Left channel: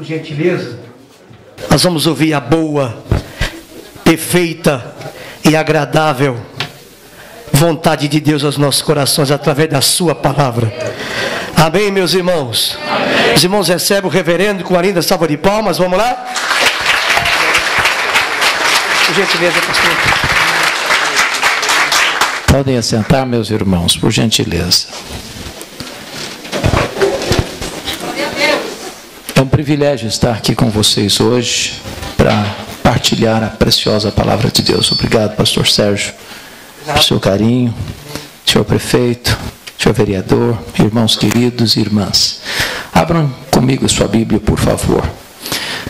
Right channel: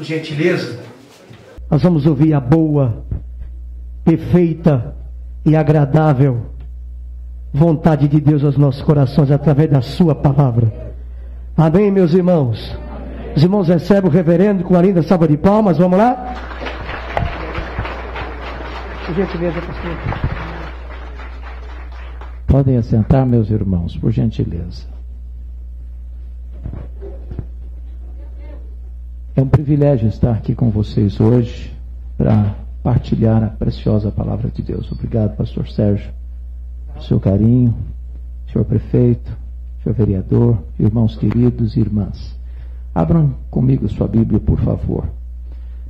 Por gentileza, nós vamos ouvir a boa, perfeita e agradável vontade de Deus aos nossos corações através da sua palavra. Amém, meus irmãos? Amém. Os irmãos recebem o reverendo com a linda salva de palmas. Vamos lá? Por gentileza, pastor. Podem assentar, meus irmãos, por gentileza. É um privilégio estar aqui com vocês hoje para partilhar a preciosa palavra de Deus. Obrigado, pastor Sérgio, pelo seu carinho, senhor prefeito, senhor vereador, irmãos queridos e irmãs. Abram comigo a sua Bíblia, por favor.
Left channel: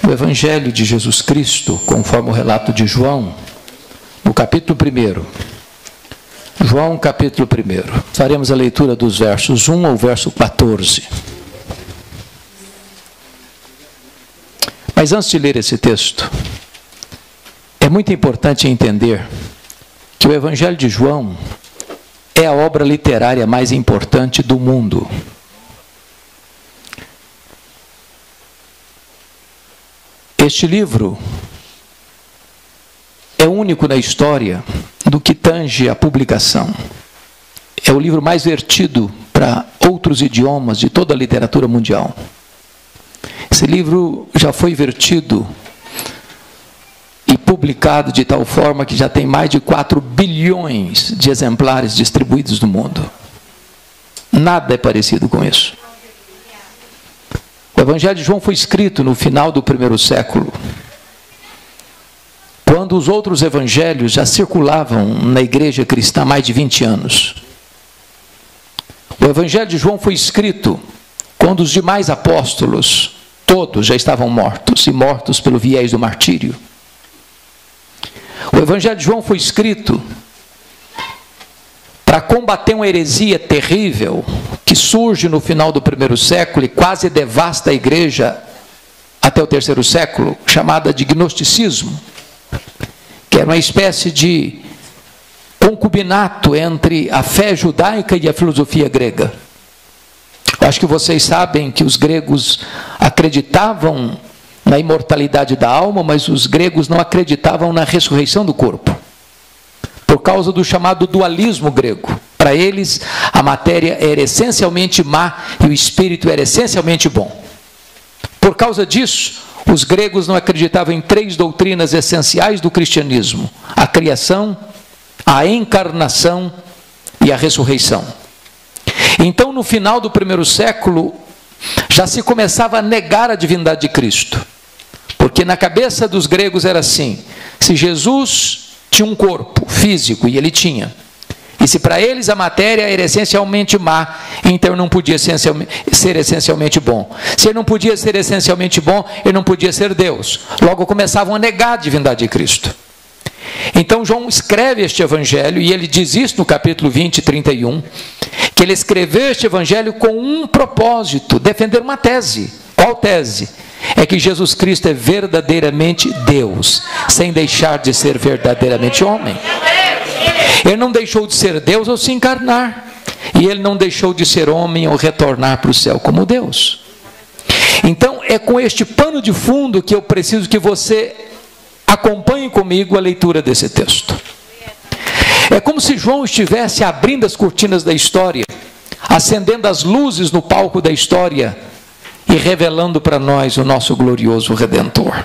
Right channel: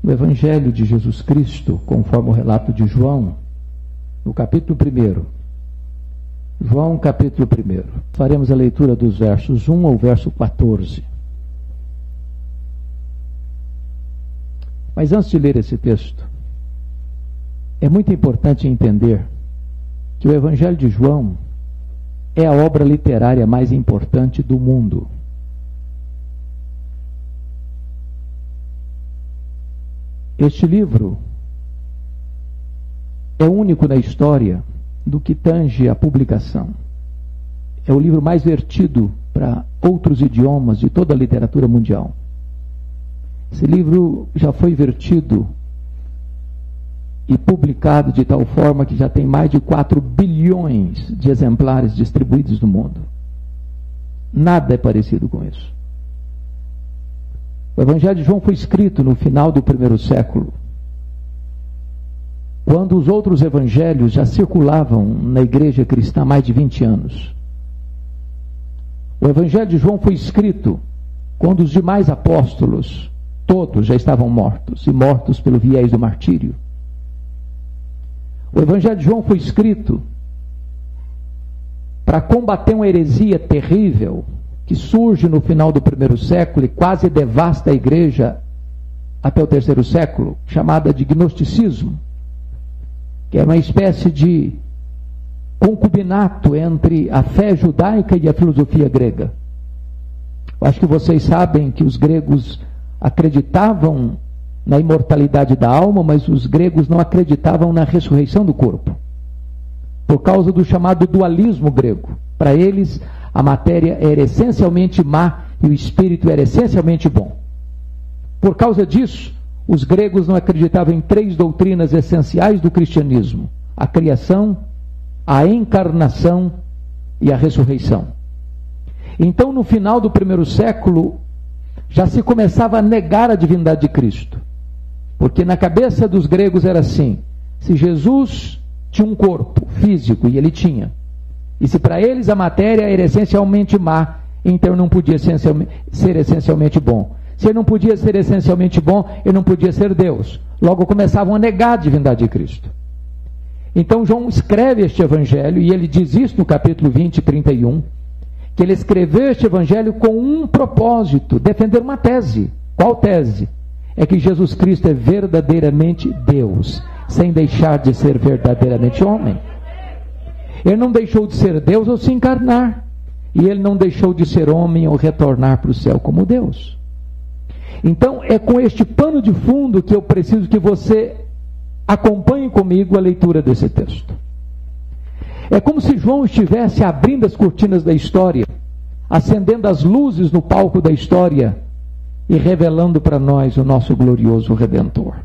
No Evangelho de Jesus Cristo, conforme o relato de João, no capítulo 1. João, capítulo 1. Faremos a leitura dos versos 1 ao verso 14. Mas antes de ler esse texto, é muito importante entender que o Evangelho de João é a obra literária mais importante do mundo. Este livro é único na história do que tange a publicação. É o livro mais vertido para outros idiomas de toda a literatura mundial. Esse livro já foi vertido e publicado de tal forma que já tem mais de 4 bilhões de exemplares distribuídos no mundo. Nada é parecido com isso. O Evangelho de João foi escrito no final do 1º século, quando os outros evangelhos já circulavam na igreja cristã há mais de 20 anos. O Evangelho de João foi escrito quando os demais apóstolos, todos já estavam mortos, e mortos pelo viés do martírio. O Evangelho de João foi escrito para combater uma heresia terrível que surge no final do 1º século e quase devasta a igreja até o 3º século, chamada de gnosticismo, que era uma espécie de concubinato entre a fé judaica e a filosofia grega. Acho que vocês sabem que os gregos acreditavam na imortalidade da alma, mas os gregos não acreditavam na ressurreição do corpo, por causa do chamado dualismo grego. Para eles, a matéria era essencialmente má e o espírito era essencialmente bom. Por causa disso, os gregos não acreditavam em 3 doutrinas essenciais do cristianismo: a criação, a encarnação e a ressurreição. Então, no final do 1º século, já se começava a negar a divindade de Cristo, porque na cabeça dos gregos era assim: se Jesus tinha um corpo físico, e ele tinha, e se para eles a matéria era essencialmente má, então não podia ser essencialmente bom. Se ele não podia ser essencialmente bom, ele não podia ser Deus. Logo começavam a negar a divindade de Cristo. Então João escreve este evangelho, e ele diz isso no capítulo 20, 31, que ele escreveu este evangelho com um propósito: defender uma tese. Qual tese? É que Jesus Cristo é verdadeiramente Deus, sem deixar de ser verdadeiramente homem. Ele não deixou de ser Deus ao se encarnar, e ele não deixou de ser homem ao retornar para o céu como Deus. Então é com este pano de fundo que eu preciso que você acompanhe comigo a leitura desse texto. É como se João estivesse abrindo as cortinas da história, acendendo as luzes no palco da história e revelando para nós o nosso glorioso Redentor.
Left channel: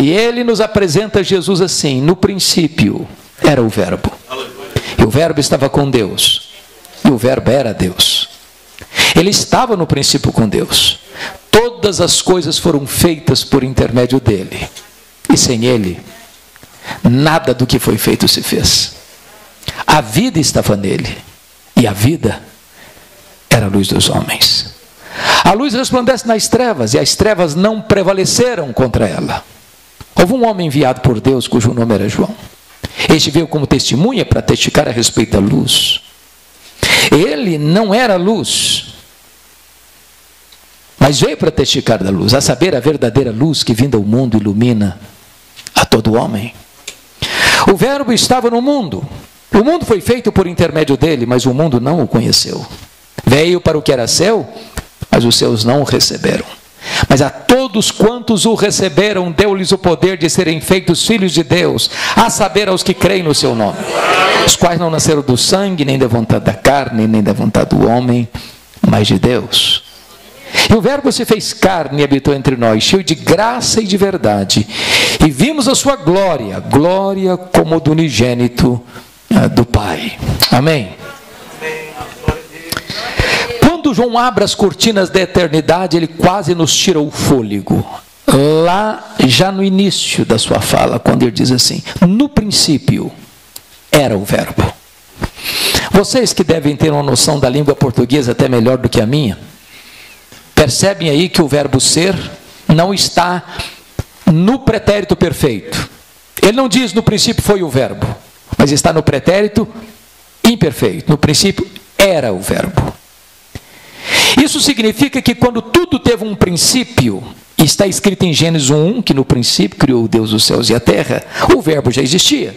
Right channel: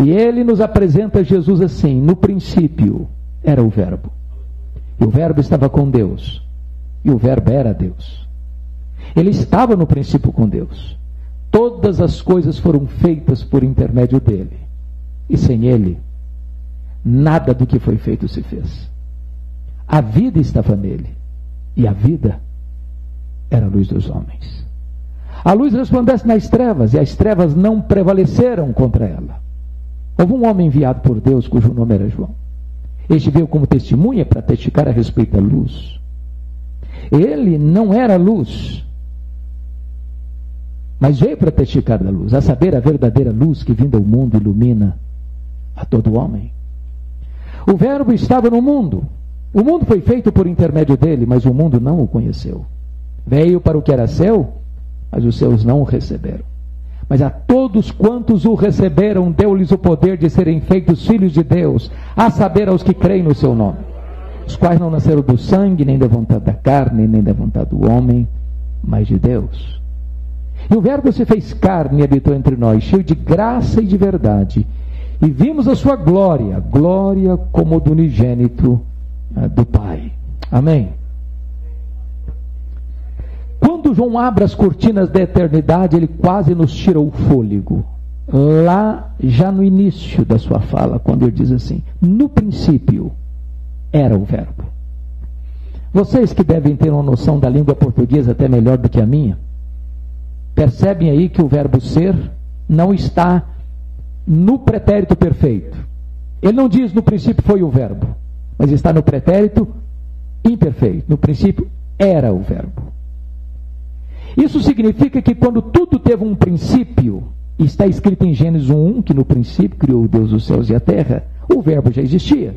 E ele nos apresenta Jesus assim: no princípio era o Verbo, e o Verbo estava com Deus, e o Verbo era Deus. Ele estava no princípio com Deus. Todas as coisas foram feitas por intermédio dele, e sem ele nada do que foi feito se fez. A vida estava nele, e a vida era a luz dos homens. A luz resplandece nas trevas, e as trevas não prevaleceram contra ela. Houve um homem enviado por Deus, cujo nome era João. Este veio como testemunha para testificar a respeito da luz. Ele não era luz, mas veio para testificar da luz, a saber, a verdadeira luz que vinda ao mundo ilumina a todo homem. O Verbo estava no mundo. O mundo foi feito por intermédio dele, mas o mundo não o conheceu. Veio para o que era seu, mas os seus não o receberam. Mas a todos quantos o receberam, deu-lhes o poder de serem feitos filhos de Deus, a saber, aos que creem no seu nome, os quais não nasceram do sangue, nem da vontade da carne, nem da vontade do homem, mas de Deus. E o Verbo se fez carne e habitou entre nós, cheio de graça e de verdade, e vimos a sua glória, glória como do unigênito do Pai. Amém. Quando João abre as cortinas da eternidade, ele quase nos tira o fôlego. Lá, já no início da sua fala, quando ele diz assim: no princípio era o Verbo. Vocês que devem ter uma noção da língua portuguesa até melhor do que a minha, percebem aí que o verbo ser não está no pretérito perfeito. Ele não diz no princípio foi o verbo, mas está no pretérito imperfeito. No princípio era o verbo. Isso significa que quando tudo teve um princípio, está escrito em Gênesis 1, que no princípio criou Deus os céus e a terra, o verbo já existia.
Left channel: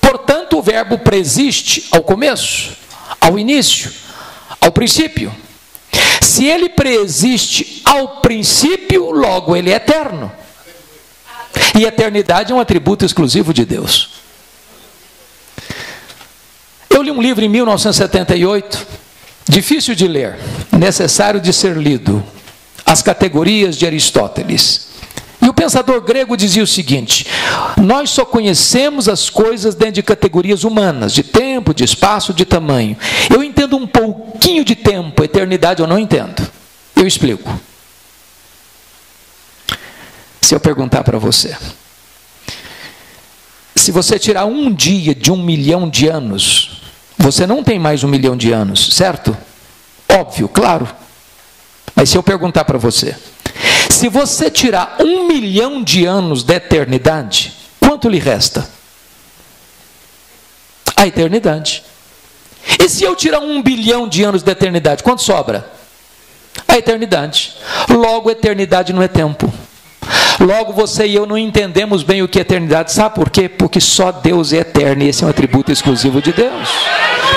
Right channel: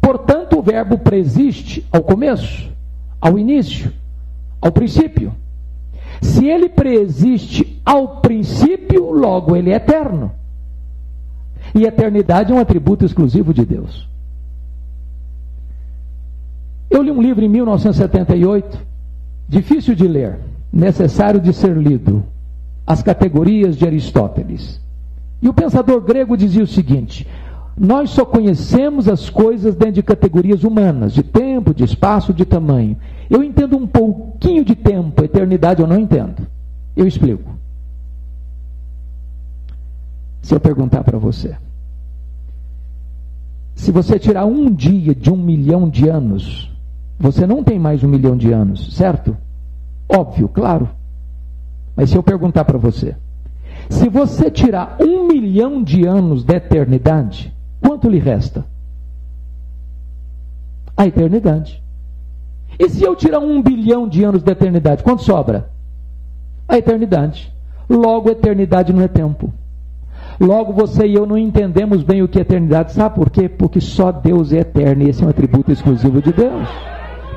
Portanto, o verbo preexiste ao começo, ao início, ao princípio. Se ele preexiste ao princípio, logo ele é eterno. E eternidade é um atributo exclusivo de Deus. Eu li um livro em 1978, difícil de ler, necessário de ser lido, As Categorias de Aristóteles. E o pensador grego dizia o seguinte: nós só conhecemos as coisas dentro de categorias humanas, de tempo, de espaço, de tamanho. Eu entendo um pouquinho de tempo, eternidade eu não entendo. Eu explico. Se eu perguntar para você, se você tirar um dia de 1 milhão de anos, você não tem mais 1 milhão de anos, certo? Óbvio, claro. Mas se eu perguntar para você, se você tirar 1 milhão de anos da eternidade, quanto lhe resta? A eternidade. E se eu tirar 1 bilhão de anos da eternidade, quanto sobra? A eternidade. Logo, a eternidade não é tempo. Logo, você e eu não entendemos bem o que é eternidade. Sabe por quê? Porque só Deus é eterno, e esse é um atributo exclusivo de Deus.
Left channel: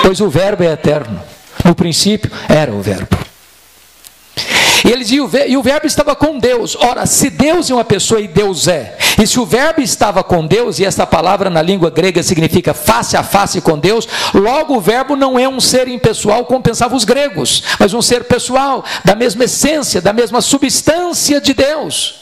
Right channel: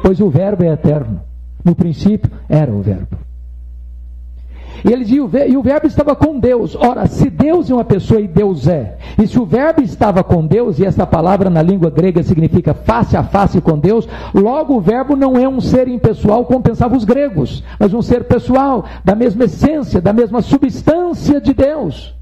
Pois o verbo é eterno. No princípio, era o verbo. E ele dizia, e o verbo estava com Deus. Ora, se Deus é uma pessoa e Deus é, e se o verbo estava com Deus, e essa palavra na língua grega significa face a face com Deus, logo o verbo não é um ser impessoal como pensavam os gregos, mas um ser pessoal, da mesma essência, da mesma substância de Deus.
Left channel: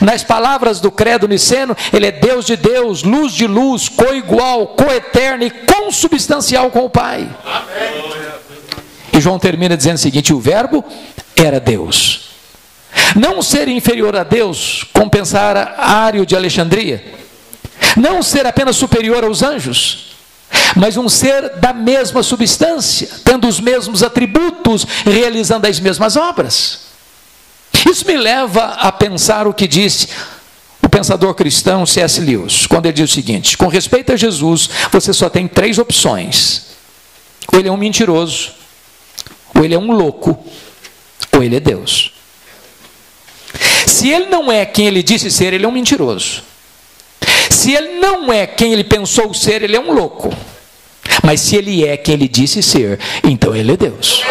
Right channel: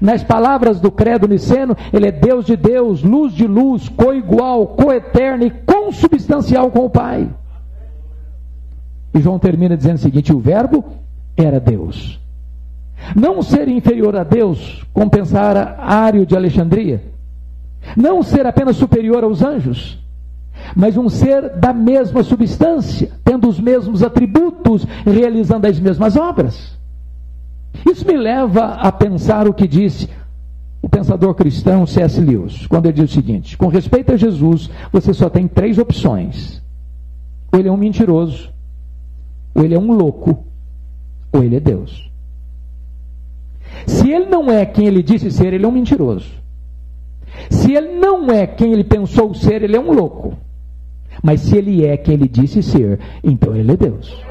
Nas palavras do credo niceno, ele é Deus de Deus, luz de luz, coigual, coeterno e consubstancial com o Pai. E João termina dizendo o seguinte: o verbo era Deus. Não um ser inferior a Deus, como pensara Ário de Alexandria. Não um ser apenas superior aos anjos, mas um ser da mesma substância, tendo os mesmos atributos, realizando as mesmas obras. Isso me leva a pensar o que disse o pensador cristão C.S. Lewis, quando ele diz o seguinte: com respeito a Jesus, você só tem 3 opções. Ou ele é um mentiroso, ou ele é um louco, ou ele é Deus. Se ele não é quem ele disse ser, ele é um mentiroso. Se ele não é quem ele pensou ser, ele é um louco. Mas se ele é quem ele disse ser, então ele é Deus.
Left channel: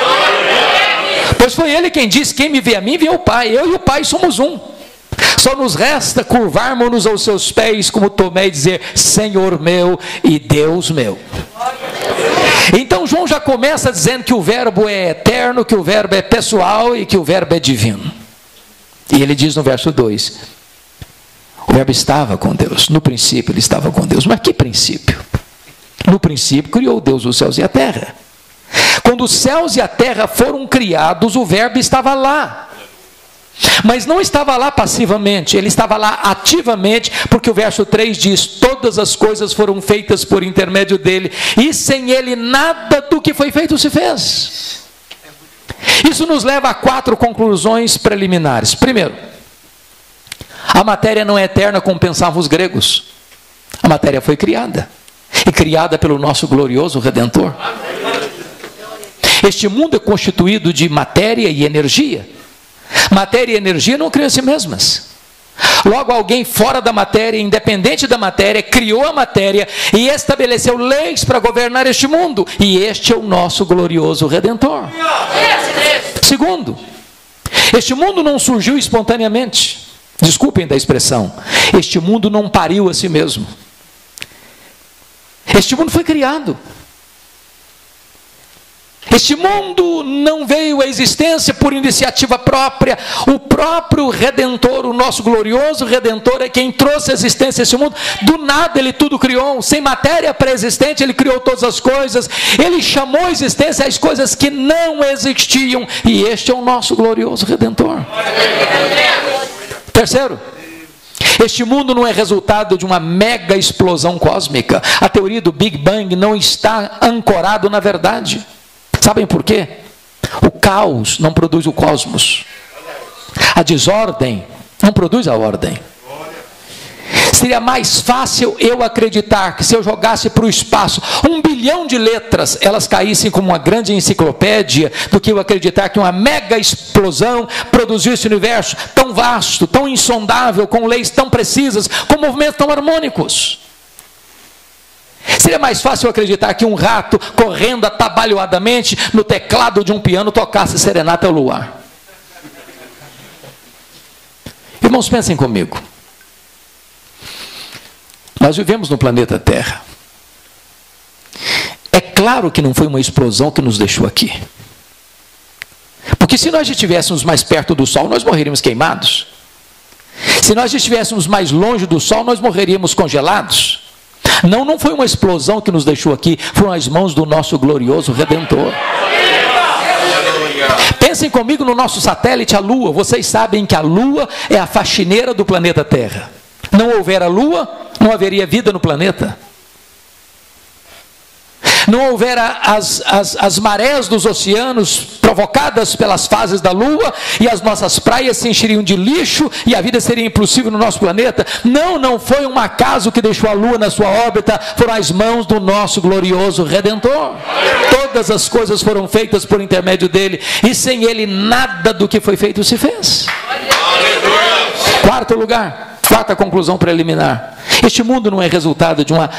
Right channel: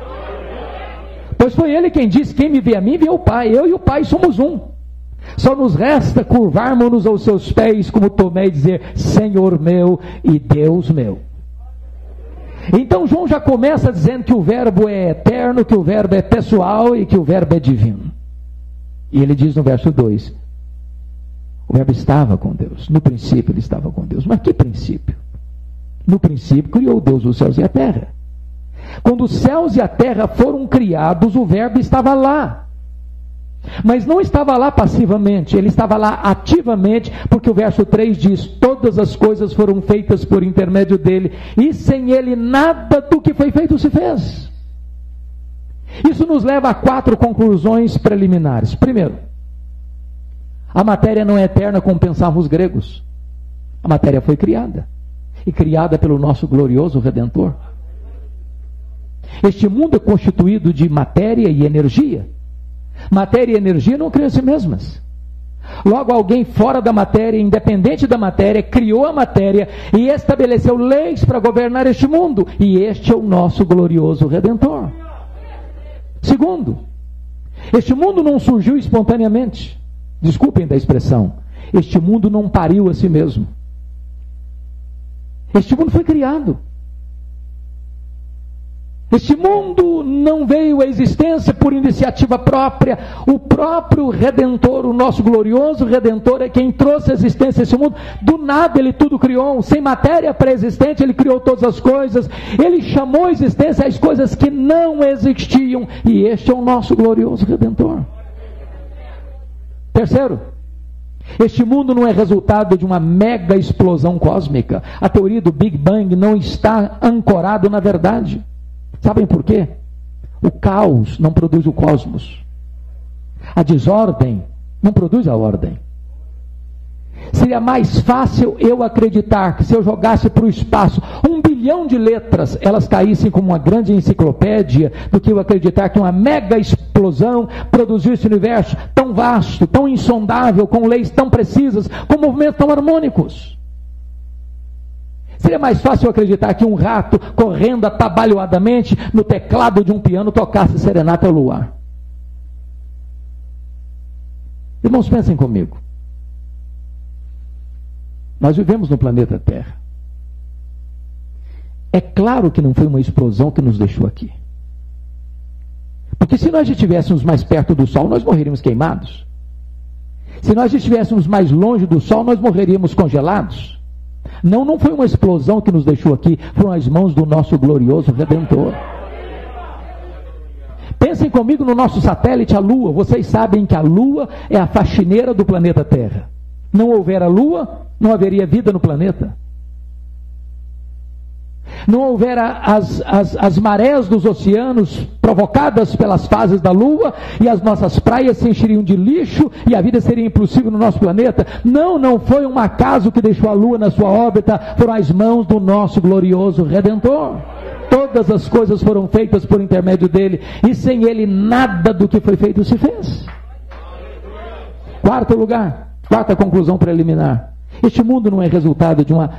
Pois foi ele quem disse: quem me vê a mim, vê o Pai. Eu e o Pai somos um. Só nos resta curvarmos-nos aos seus pés, como Tomé, e dizer: Senhor meu e Deus meu. Então João já começa dizendo que o verbo é eterno, que o verbo é pessoal e que o verbo é divino. E ele diz no verso 2: o verbo estava com Deus. No princípio ele estava com Deus. Mas que princípio? No princípio criou Deus os céus e a terra. Quando os céus e a terra foram criados, o verbo estava lá. Mas não estava lá passivamente, ele estava lá ativamente, porque o verso 3 diz: todas as coisas foram feitas por intermédio dele, e sem ele nada do que foi feito se fez. Isso nos leva a 4 conclusões preliminares. Primeiro, a matéria não é eterna como pensavam os gregos. A matéria foi criada, e criada pelo nosso glorioso Redentor. Este mundo é constituído de matéria e energia. Matéria e energia não criam a si mesmas. Logo, alguém fora da matéria, independente da matéria, criou a matéria e estabeleceu leis para governar este mundo. E este é o nosso glorioso Redentor. Segundo, Este mundo não surgiu espontaneamente. Desculpem da expressão. Este mundo não pariu a si mesmo. Este mundo foi criado. Este mundo não veio à existência por iniciativa própria. O próprio Redentor, o nosso glorioso Redentor, é quem trouxe à existência esse mundo. Do nada ele tudo criou. Sem matéria pré-existente ele criou todas as coisas. Ele chamou à existência as coisas que não existiam. E este é o nosso glorioso Redentor. Terceiro, este mundo não é resultado de uma mega explosão cósmica. A teoria do Big Bang não está ancorado na verdade. Sabem por quê? O caos não produz o cosmos. A desordem não produz a ordem. Seria mais fácil eu acreditar que se eu jogasse para o espaço 1 bilhão de letras, elas caíssem como uma grande enciclopédia, do que eu acreditar que uma mega explosão produziu esse universo tão vasto, tão insondável, com leis tão precisas, com movimentos tão harmônicos. Seria mais fácil eu acreditar que um rato correndo atabalhoadamente no teclado de um piano tocasse Serenata ao Luar. Irmãos, pensem comigo. Nós vivemos no planeta Terra. É claro que não foi uma explosão que nos deixou aqui. Porque se nós estivéssemos mais perto do Sol, nós morreríamos queimados. Se nós estivéssemos mais longe do Sol, nós morreríamos congelados. Não foi uma explosão que nos deixou aqui, foram as mãos do nosso glorioso Redentor. Pensem comigo no nosso satélite, a Lua. Vocês sabem que a Lua é a faxineira do planeta Terra. Não houver a Lua, não haveria vida no planeta. Não houver as marés dos oceanos provocadas pelas fases da Lua, e as nossas praias se encheriam de lixo e a vida seria impossível no nosso planeta. Não foi um acaso que deixou a Lua na sua órbita, foram as mãos do nosso glorioso Redentor. Todas as coisas foram feitas por intermédio dele, e sem ele nada do que foi feito se fez. Quarto lugar, quarta conclusão preliminar: este mundo não é resultado de uma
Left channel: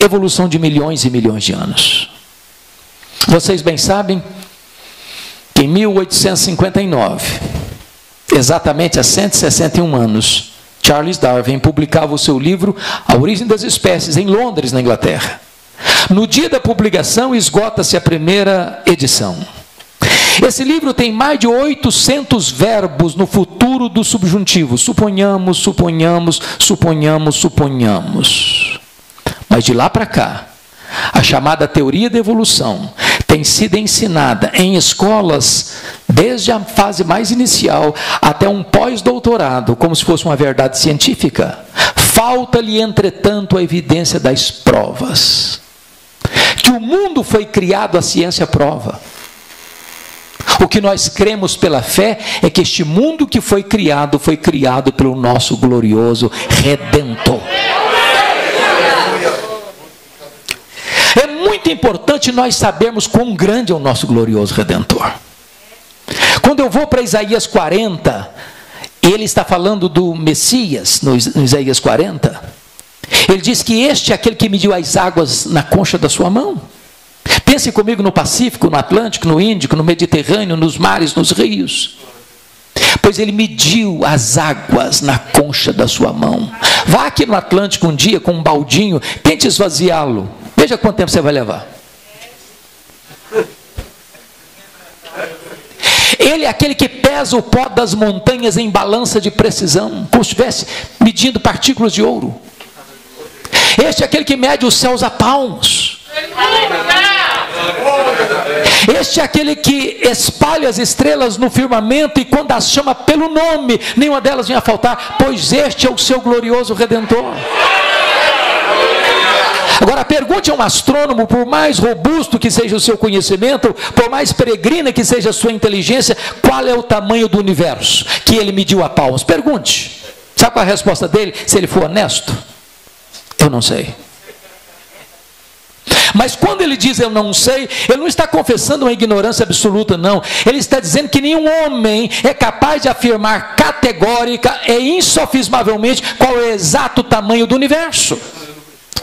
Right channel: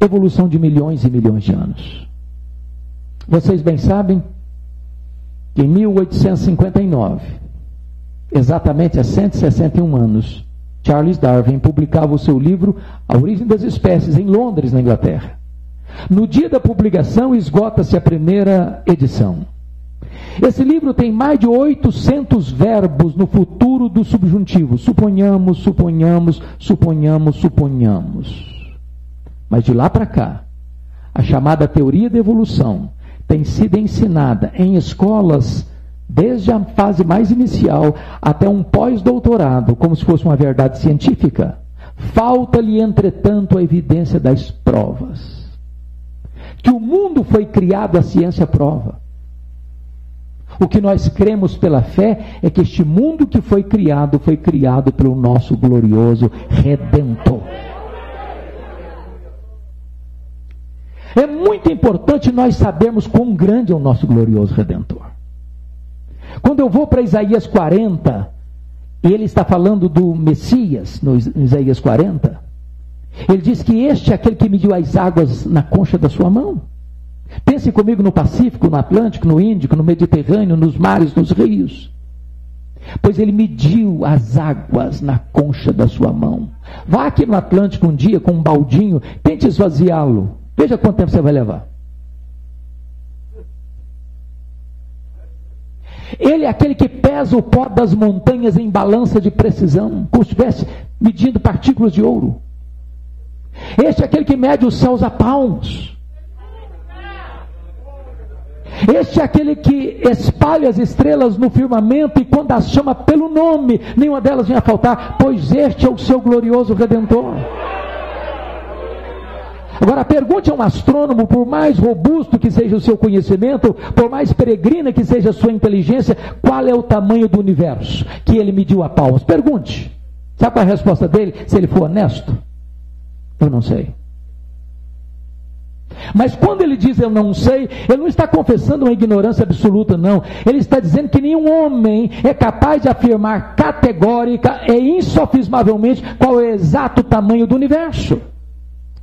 evolução de milhões e milhões de anos. Vocês bem sabem que em 1859, exatamente há 161 anos, Charles Darwin publicava o seu livro A Origem das Espécies em Londres, na Inglaterra. No dia da publicação esgota-se a primeira edição. Esse livro tem mais de 800 verbos no futuro do subjuntivo: suponhamos, suponhamos, suponhamos, suponhamos. Mas de lá para cá, a chamada teoria da evolução tem sido ensinada em escolas desde a fase mais inicial até um pós-doutorado, como se fosse uma verdade científica. Falta-lhe, entretanto, a evidência das provas. Que o mundo foi criado, a ciência prova. O que nós cremos pela fé é que este mundo que foi criado pelo nosso glorioso Redentor. É muito importante nós sabermos quão grande é o nosso glorioso Redentor. Quando eu vou para Isaías 40, ele está falando do Messias, no Isaías 40. Ele diz que este é aquele que mediu as águas na concha da sua mão. Pense comigo no Pacífico, no Atlântico, no Índico, no Mediterrâneo, nos mares, nos rios. Pois ele mediu as águas na concha da sua mão. Vá aqui no Atlântico um dia com um baldinho, tente esvaziá-lo. Veja quanto tempo você vai levar. Ele é aquele que pesa o pó das montanhas em balança de precisão, como se estivesse medindo partículas de ouro. Este é aquele que mede os céus a palmos. Este é aquele que espalha as estrelas no firmamento, e quando as chama pelo nome, nenhuma delas vinha a faltar, pois este é o seu glorioso Redentor. Agora pergunte a um astrônomo, por mais robusto que seja o seu conhecimento, por mais peregrina que seja a sua inteligência, qual é o tamanho do universo que ele mediu a palmos? Pergunte. Sabe qual é a resposta dele, se ele for honesto? Eu não sei. Mas quando ele diz eu não sei, ele não está confessando uma ignorância absoluta, não. Ele está dizendo que nenhum homem é capaz de afirmar categórica e insofismavelmente qual é o exato tamanho do universo.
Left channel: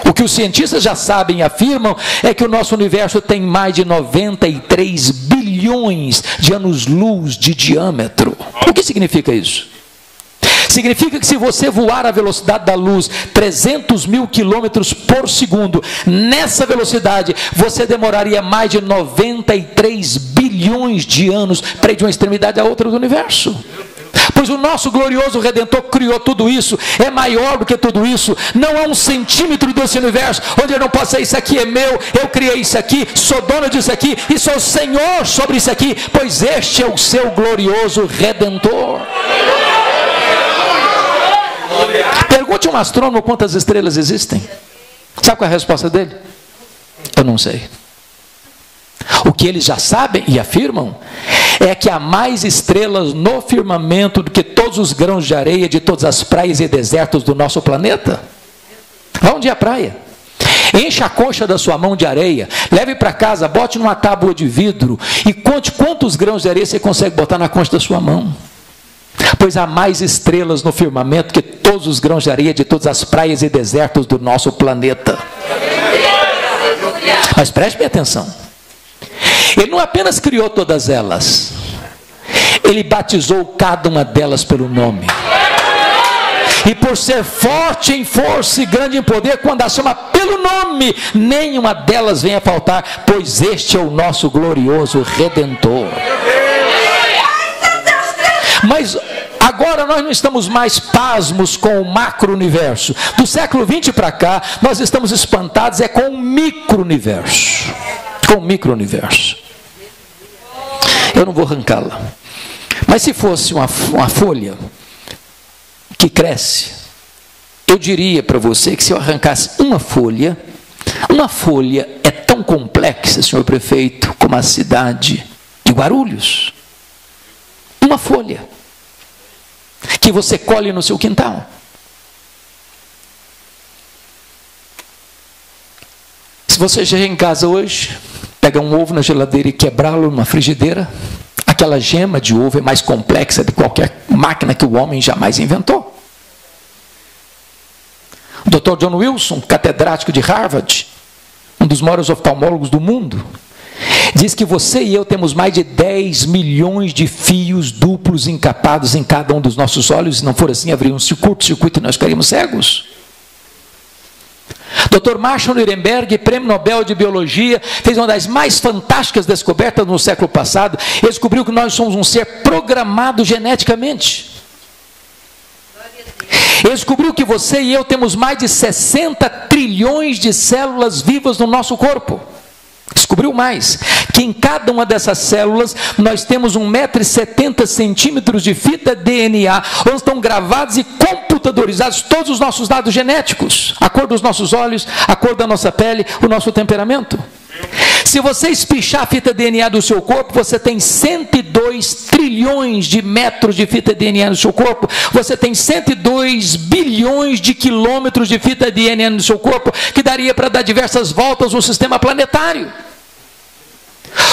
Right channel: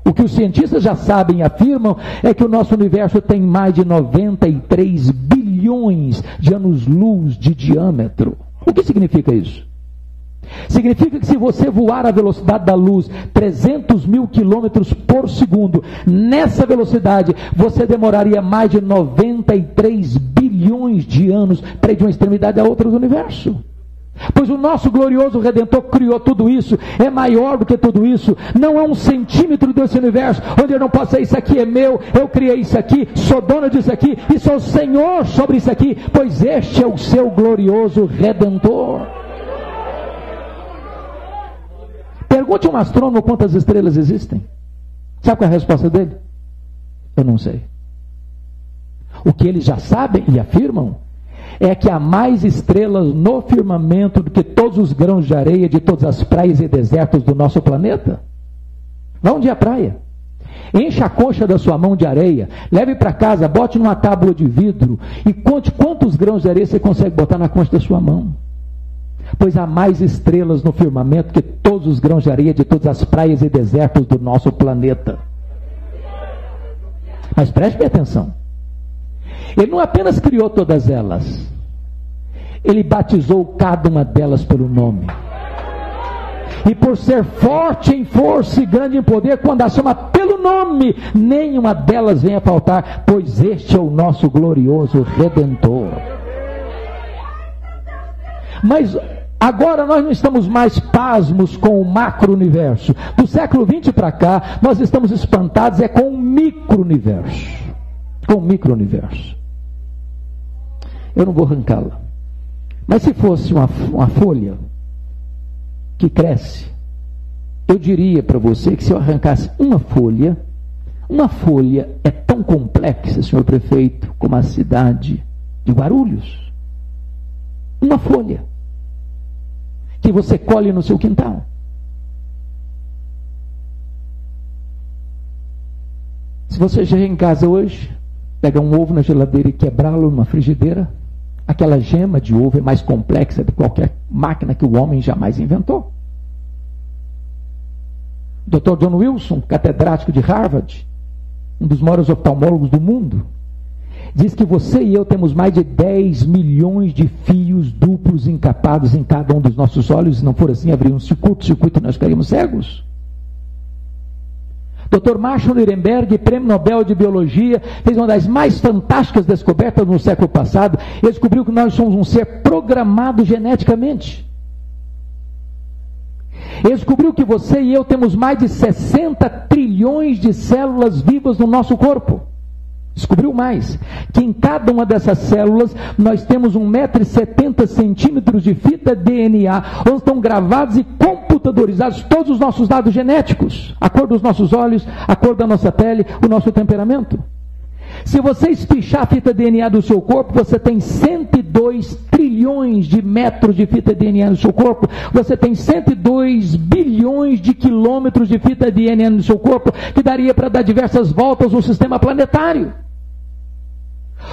O que os cientistas já sabem e afirmam é que o nosso universo tem mais de 93 bilhões bilhões de anos-luz de diâmetro. O que significa isso? Significa que se você voar à velocidade da luz, 300 mil quilômetros por segundo, nessa velocidade, você demoraria mais de 93 bilhões de anos para ir de uma extremidade à outra do universo. Pois o nosso glorioso Redentor criou tudo isso, é maior do que tudo isso, não há um centímetro desse universo onde eu não possa, isso aqui é meu, eu criei isso aqui, sou dono disso aqui, e sou Senhor sobre isso aqui, pois este é o seu glorioso Redentor. Pergunte a um astrônomo quantas estrelas existem. Sabe qual é a resposta dele? Eu não sei. O que eles já sabem e afirmam é que há mais estrelas no firmamento do que todos os grãos de areia de todas as praias e desertos do nosso planeta. Aonde é a praia? Enche a coxa da sua mão de areia, leve para casa, bote numa tábua de vidro e conte quantos grãos de areia você consegue botar na coxa da sua mão. Pois há mais estrelas no firmamento que todos os grãos de areia de todas as praias e desertos do nosso planeta. Mas preste bem atenção. Ele não apenas criou todas elas, ele batizou cada uma delas pelo nome. E por ser forte em força e grande em poder, quando a chama pelo nome, nenhuma delas vem a faltar, pois este é o nosso glorioso Redentor. Mas agora nós não estamos mais pasmos com o macro-universo. Do século XX para cá, nós estamos espantados com o micro-universo. Com o micro-universo. Eu não vou arrancá-la. Mas se fosse uma folha que cresce, eu diria para você que se eu arrancasse uma folha é tão complexa, senhor prefeito, como a cidade de Guarulhos. Uma folha que você colhe no seu quintal. Se você chegar em casa hoje, pega um ovo na geladeira e quebrá-lo numa frigideira, aquela gema de ovo é mais complexa de qualquer máquina que o homem jamais inventou. O Dr. John Wilson, catedrático de Harvard, um dos maiores oftalmólogos do mundo, diz que você e eu temos mais de 10 milhões de fios duplos encapados em cada um dos nossos olhos. Se não for assim, haveria um curto-circuito e nós ficaríamos cegos. Dr. Marshall Nirenberg, prêmio Nobel de Biologia, fez uma das mais fantásticas descobertas no século passado. Ele descobriu que nós somos um ser programado geneticamente. Ele descobriu que você e eu temos mais de 60 trilhões de células vivas no nosso corpo. Descobriu mais, que em cada uma dessas células nós temos 1,70 m de fita DNA, onde estão gravados e computadorizados todos os nossos dados genéticos, a cor dos nossos olhos, a cor da nossa pele, o nosso temperamento. Se você espichar a fita DNA do seu corpo, você tem 102 trilhões de metros de fita DNA no seu corpo, você tem 102 bilhões de quilômetros de fita DNA no seu corpo, que daria para dar diversas voltas no sistema planetário.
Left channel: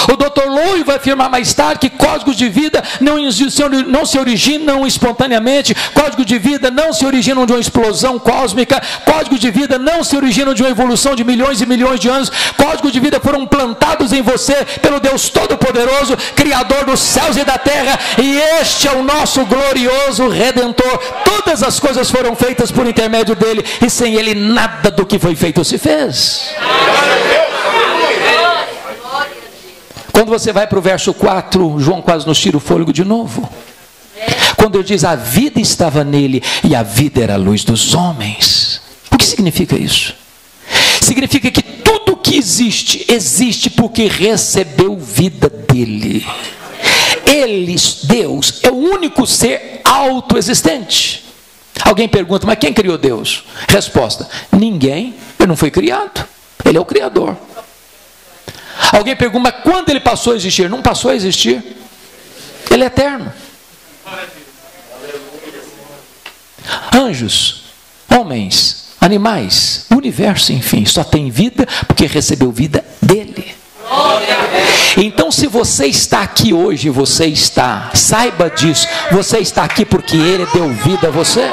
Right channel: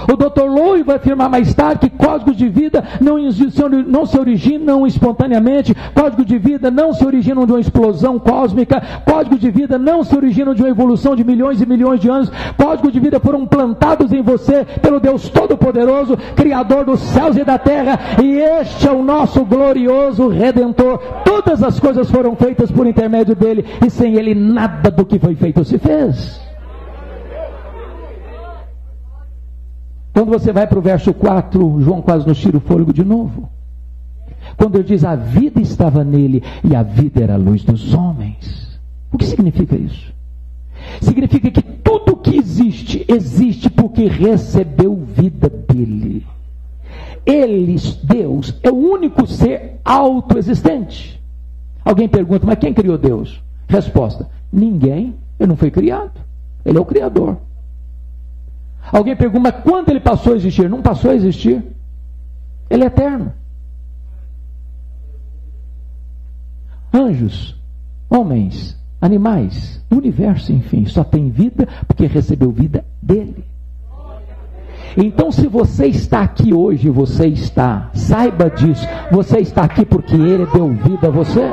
O Dr. Lowe vai afirmar mais tarde que códigos de vida não se originam espontaneamente, códigos de vida não se originam de uma explosão cósmica, códigos de vida não se originam de uma evolução de milhões e milhões de anos, códigos de vida foram plantados em você pelo Deus Todo-Poderoso, Criador dos céus e da terra, e este é o nosso glorioso Redentor. Todas as coisas foram feitas por intermédio dele, e sem ele nada do que foi feito se fez. Quando você vai para o verso 4, João quase nos tira o fôlego de novo. Quando ele diz, a vida estava nele e a vida era a luz dos homens. O que significa isso? Significa que tudo que existe, existe porque recebeu vida dele. Ele, Deus, é o único ser autoexistente. Alguém pergunta, mas quem criou Deus? Resposta, ninguém, ele não foi criado, ele é o Criador. Alguém pergunta, mas quando ele passou a existir? Não passou a existir. Ele é eterno. Anjos, homens, animais, o universo, enfim, só tem vida porque recebeu vida dele. Então, se você está aqui hoje, saiba disso, você está aqui porque ele deu vida a você.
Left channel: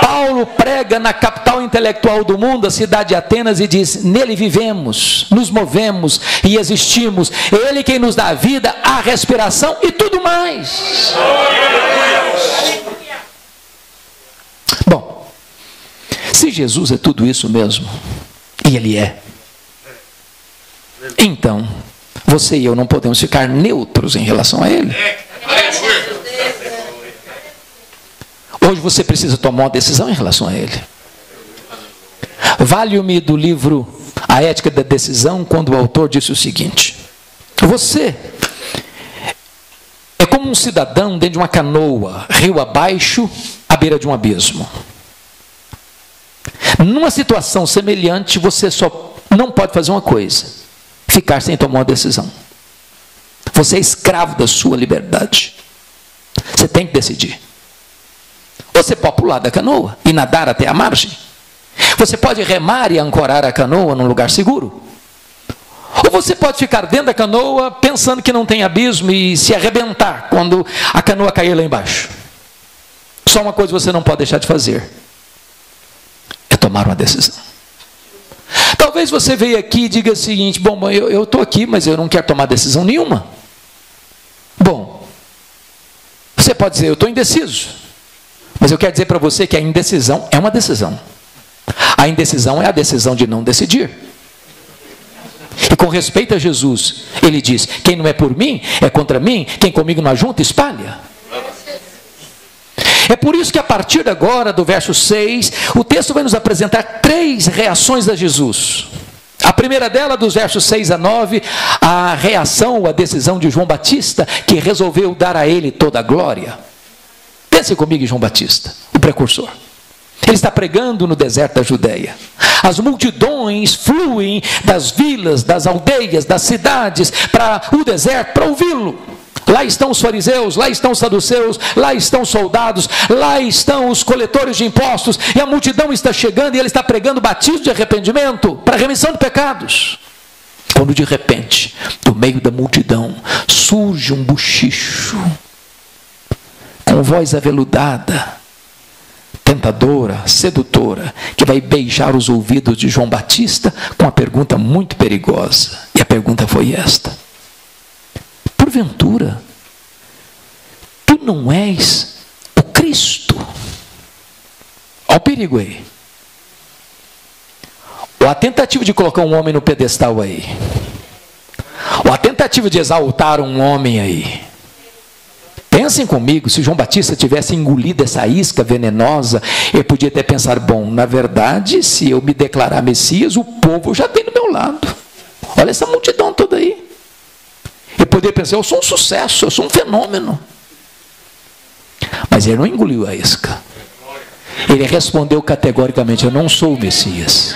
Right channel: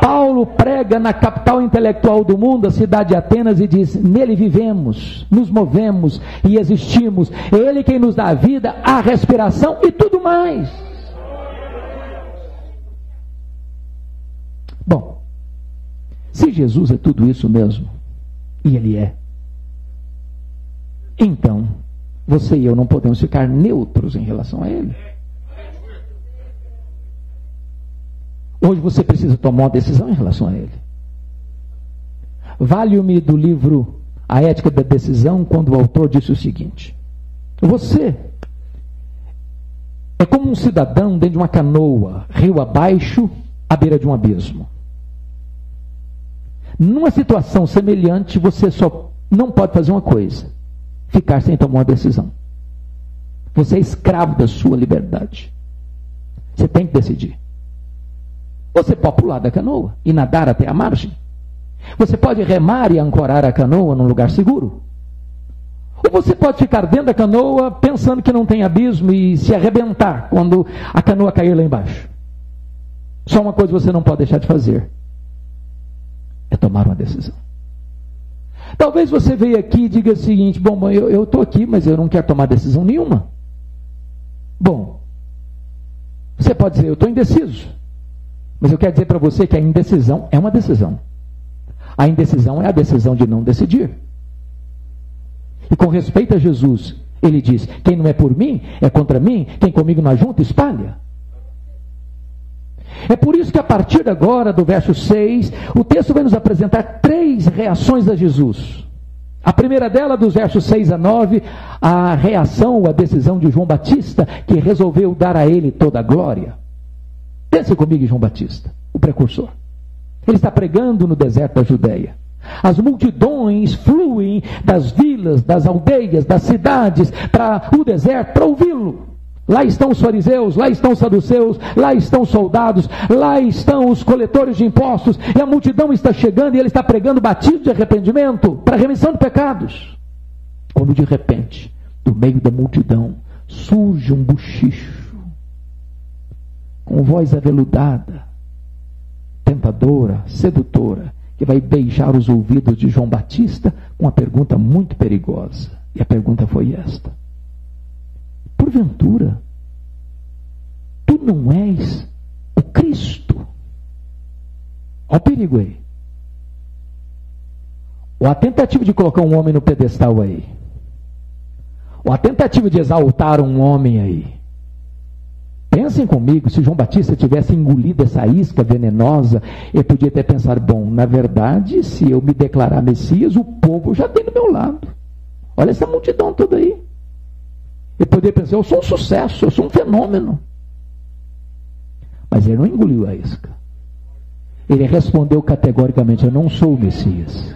Paulo prega pega na capital intelectual do mundo, a cidade de Atenas, e diz: nele vivemos, nos movemos e existimos. Ele quem nos dá a vida, a respiração e tudo mais. Bom, se Jesus é tudo isso mesmo, e Ele é, então você e eu não podemos ficar neutros em relação a Ele. Hoje você precisa tomar uma decisão em relação a Ele. Valho-me do livro A Ética da Decisão, quando o autor disse o seguinte: você é como um cidadão dentro de uma canoa, rio abaixo, à beira de um abismo. Numa situação semelhante, você só não pode fazer uma coisa: ficar sem tomar uma decisão. Você é escravo da sua liberdade. Você tem que decidir. Você pode pular da canoa e nadar até a margem. Você pode remar e ancorar a canoa num lugar seguro. Ou você pode ficar dentro da canoa pensando que não tem abismo e se arrebentar quando a canoa cair lá embaixo. Só uma coisa você não pode deixar de fazer: é tomar uma decisão. Talvez você veja aqui e diga o seguinte: bom, eu estou aqui, mas eu não quero tomar decisão nenhuma. Bom, você pode dizer: eu estou indeciso. Mas eu quero dizer para você que a indecisão é uma decisão. A indecisão é a decisão de não decidir. E com respeito a Jesus, ele diz: quem não é por mim, é contra mim. Quem comigo não ajunta, espalha. É por isso que a partir de agora, do verso 6, o texto vai nos apresentar 3 reações a Jesus. A primeira dela, dos versos 6 a 9, a reação ou a decisão de João Batista, que resolveu dar a ele toda a glória. Pense comigo em João Batista, o precursor. Ele está pregando no deserto da Judéia. As multidões fluem das vilas, das aldeias, das cidades para o deserto para ouvi-lo. Lá estão os fariseus, lá estão os saduceus, lá estão os soldados, lá estão os coletores de impostos, e a multidão está chegando e ele está pregando batismo de arrependimento para remissão de pecados. Quando de repente, do meio da multidão, surge um bochicho, com voz aveludada, tentadora, sedutora, que vai beijar os ouvidos de João Batista com uma pergunta muito perigosa. E a pergunta foi esta: porventura, tu não és o Cristo? Olha o perigo aí. Ou a tentativa de colocar um homem no pedestal aí. Ou a tentativa de exaltar um homem aí. Pensem comigo, se João Batista tivesse engolido essa isca venenosa, ele podia até pensar: bom, na verdade, se eu me declarar Messias, o povo já tem do meu lado. Olha essa multidão toda aí. Ele poderia pensar: eu sou um sucesso, eu sou um fenômeno. Mas ele não engoliu a isca. Ele respondeu categoricamente: eu não sou o Messias.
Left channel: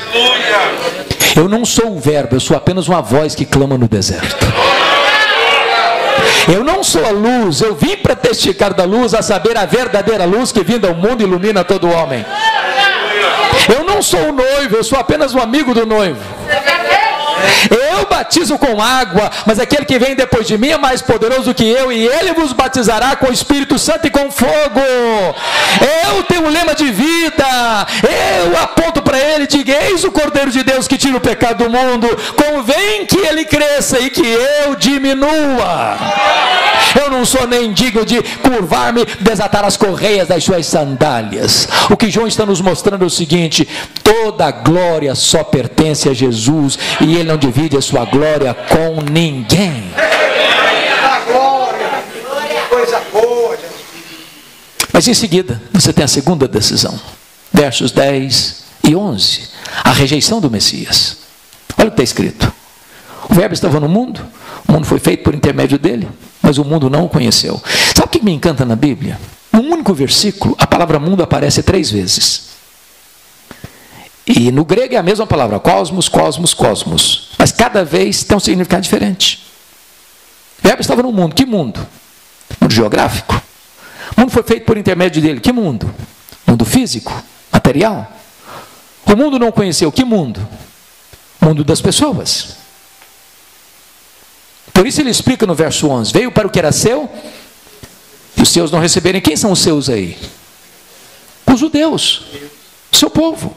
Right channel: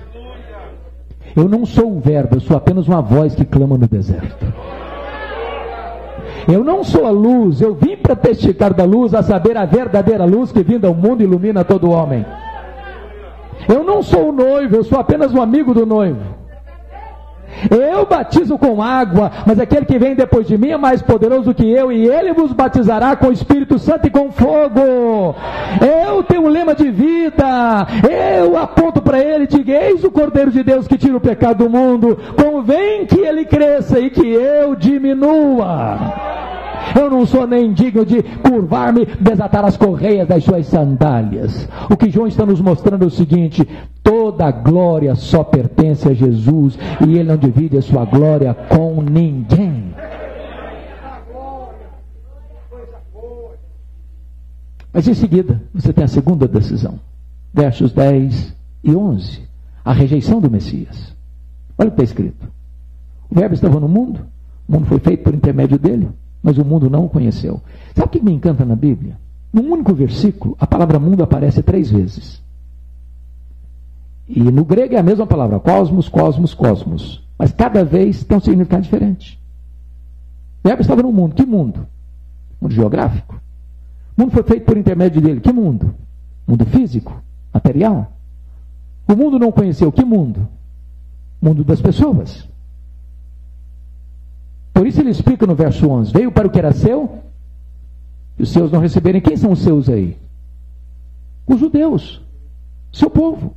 Eu não sou o verbo, eu sou apenas uma voz que clama no deserto. Eu não sou a luz, eu vim para testificar da luz, a saber, a verdadeira luz que vinda ao mundo ilumina todo homem. Eu não sou o noivo, eu sou apenas um amigo do noivo. Eu batizo com água, mas aquele que vem depois de mim é mais poderoso que eu, e ele vos batizará com o Espírito Santo e com fogo. Eu tenho um lema de vida, eu aponto para ele e digo: eis o Cordeiro de Deus que tira o pecado do mundo. Convém que ele cresça e que eu diminua. Eu não sou nem digno de curvar-me, desatar as correias das suas sandálias. O que João está nos mostrando é o seguinte: toda a glória só pertence a Jesus, e ele não divide a sua glória com ninguém. Mas em seguida, você tem a segunda decisão. Versos 10 e 11. A rejeição do Messias. Olha o que está escrito: o verbo estava no mundo, o mundo foi feito por intermédio dele, mas o mundo não o conheceu. Sabe o que me encanta na Bíblia? Num único versículo, a palavra mundo aparece 3 vezes. E no grego é a mesma palavra: cosmos, cosmos, cosmos. Mas cada vez tem um significado diferente. O verbo estava no mundo. Que mundo? Mundo geográfico. O mundo foi feito por intermédio dele. Que mundo? Mundo físico, material. O mundo não conheceu. Que mundo? Mundo das pessoas. Por isso ele explica no verso 11: veio para o que era seu, e os seus não receberem. Quem são os seus aí? Os judeus. seu povo.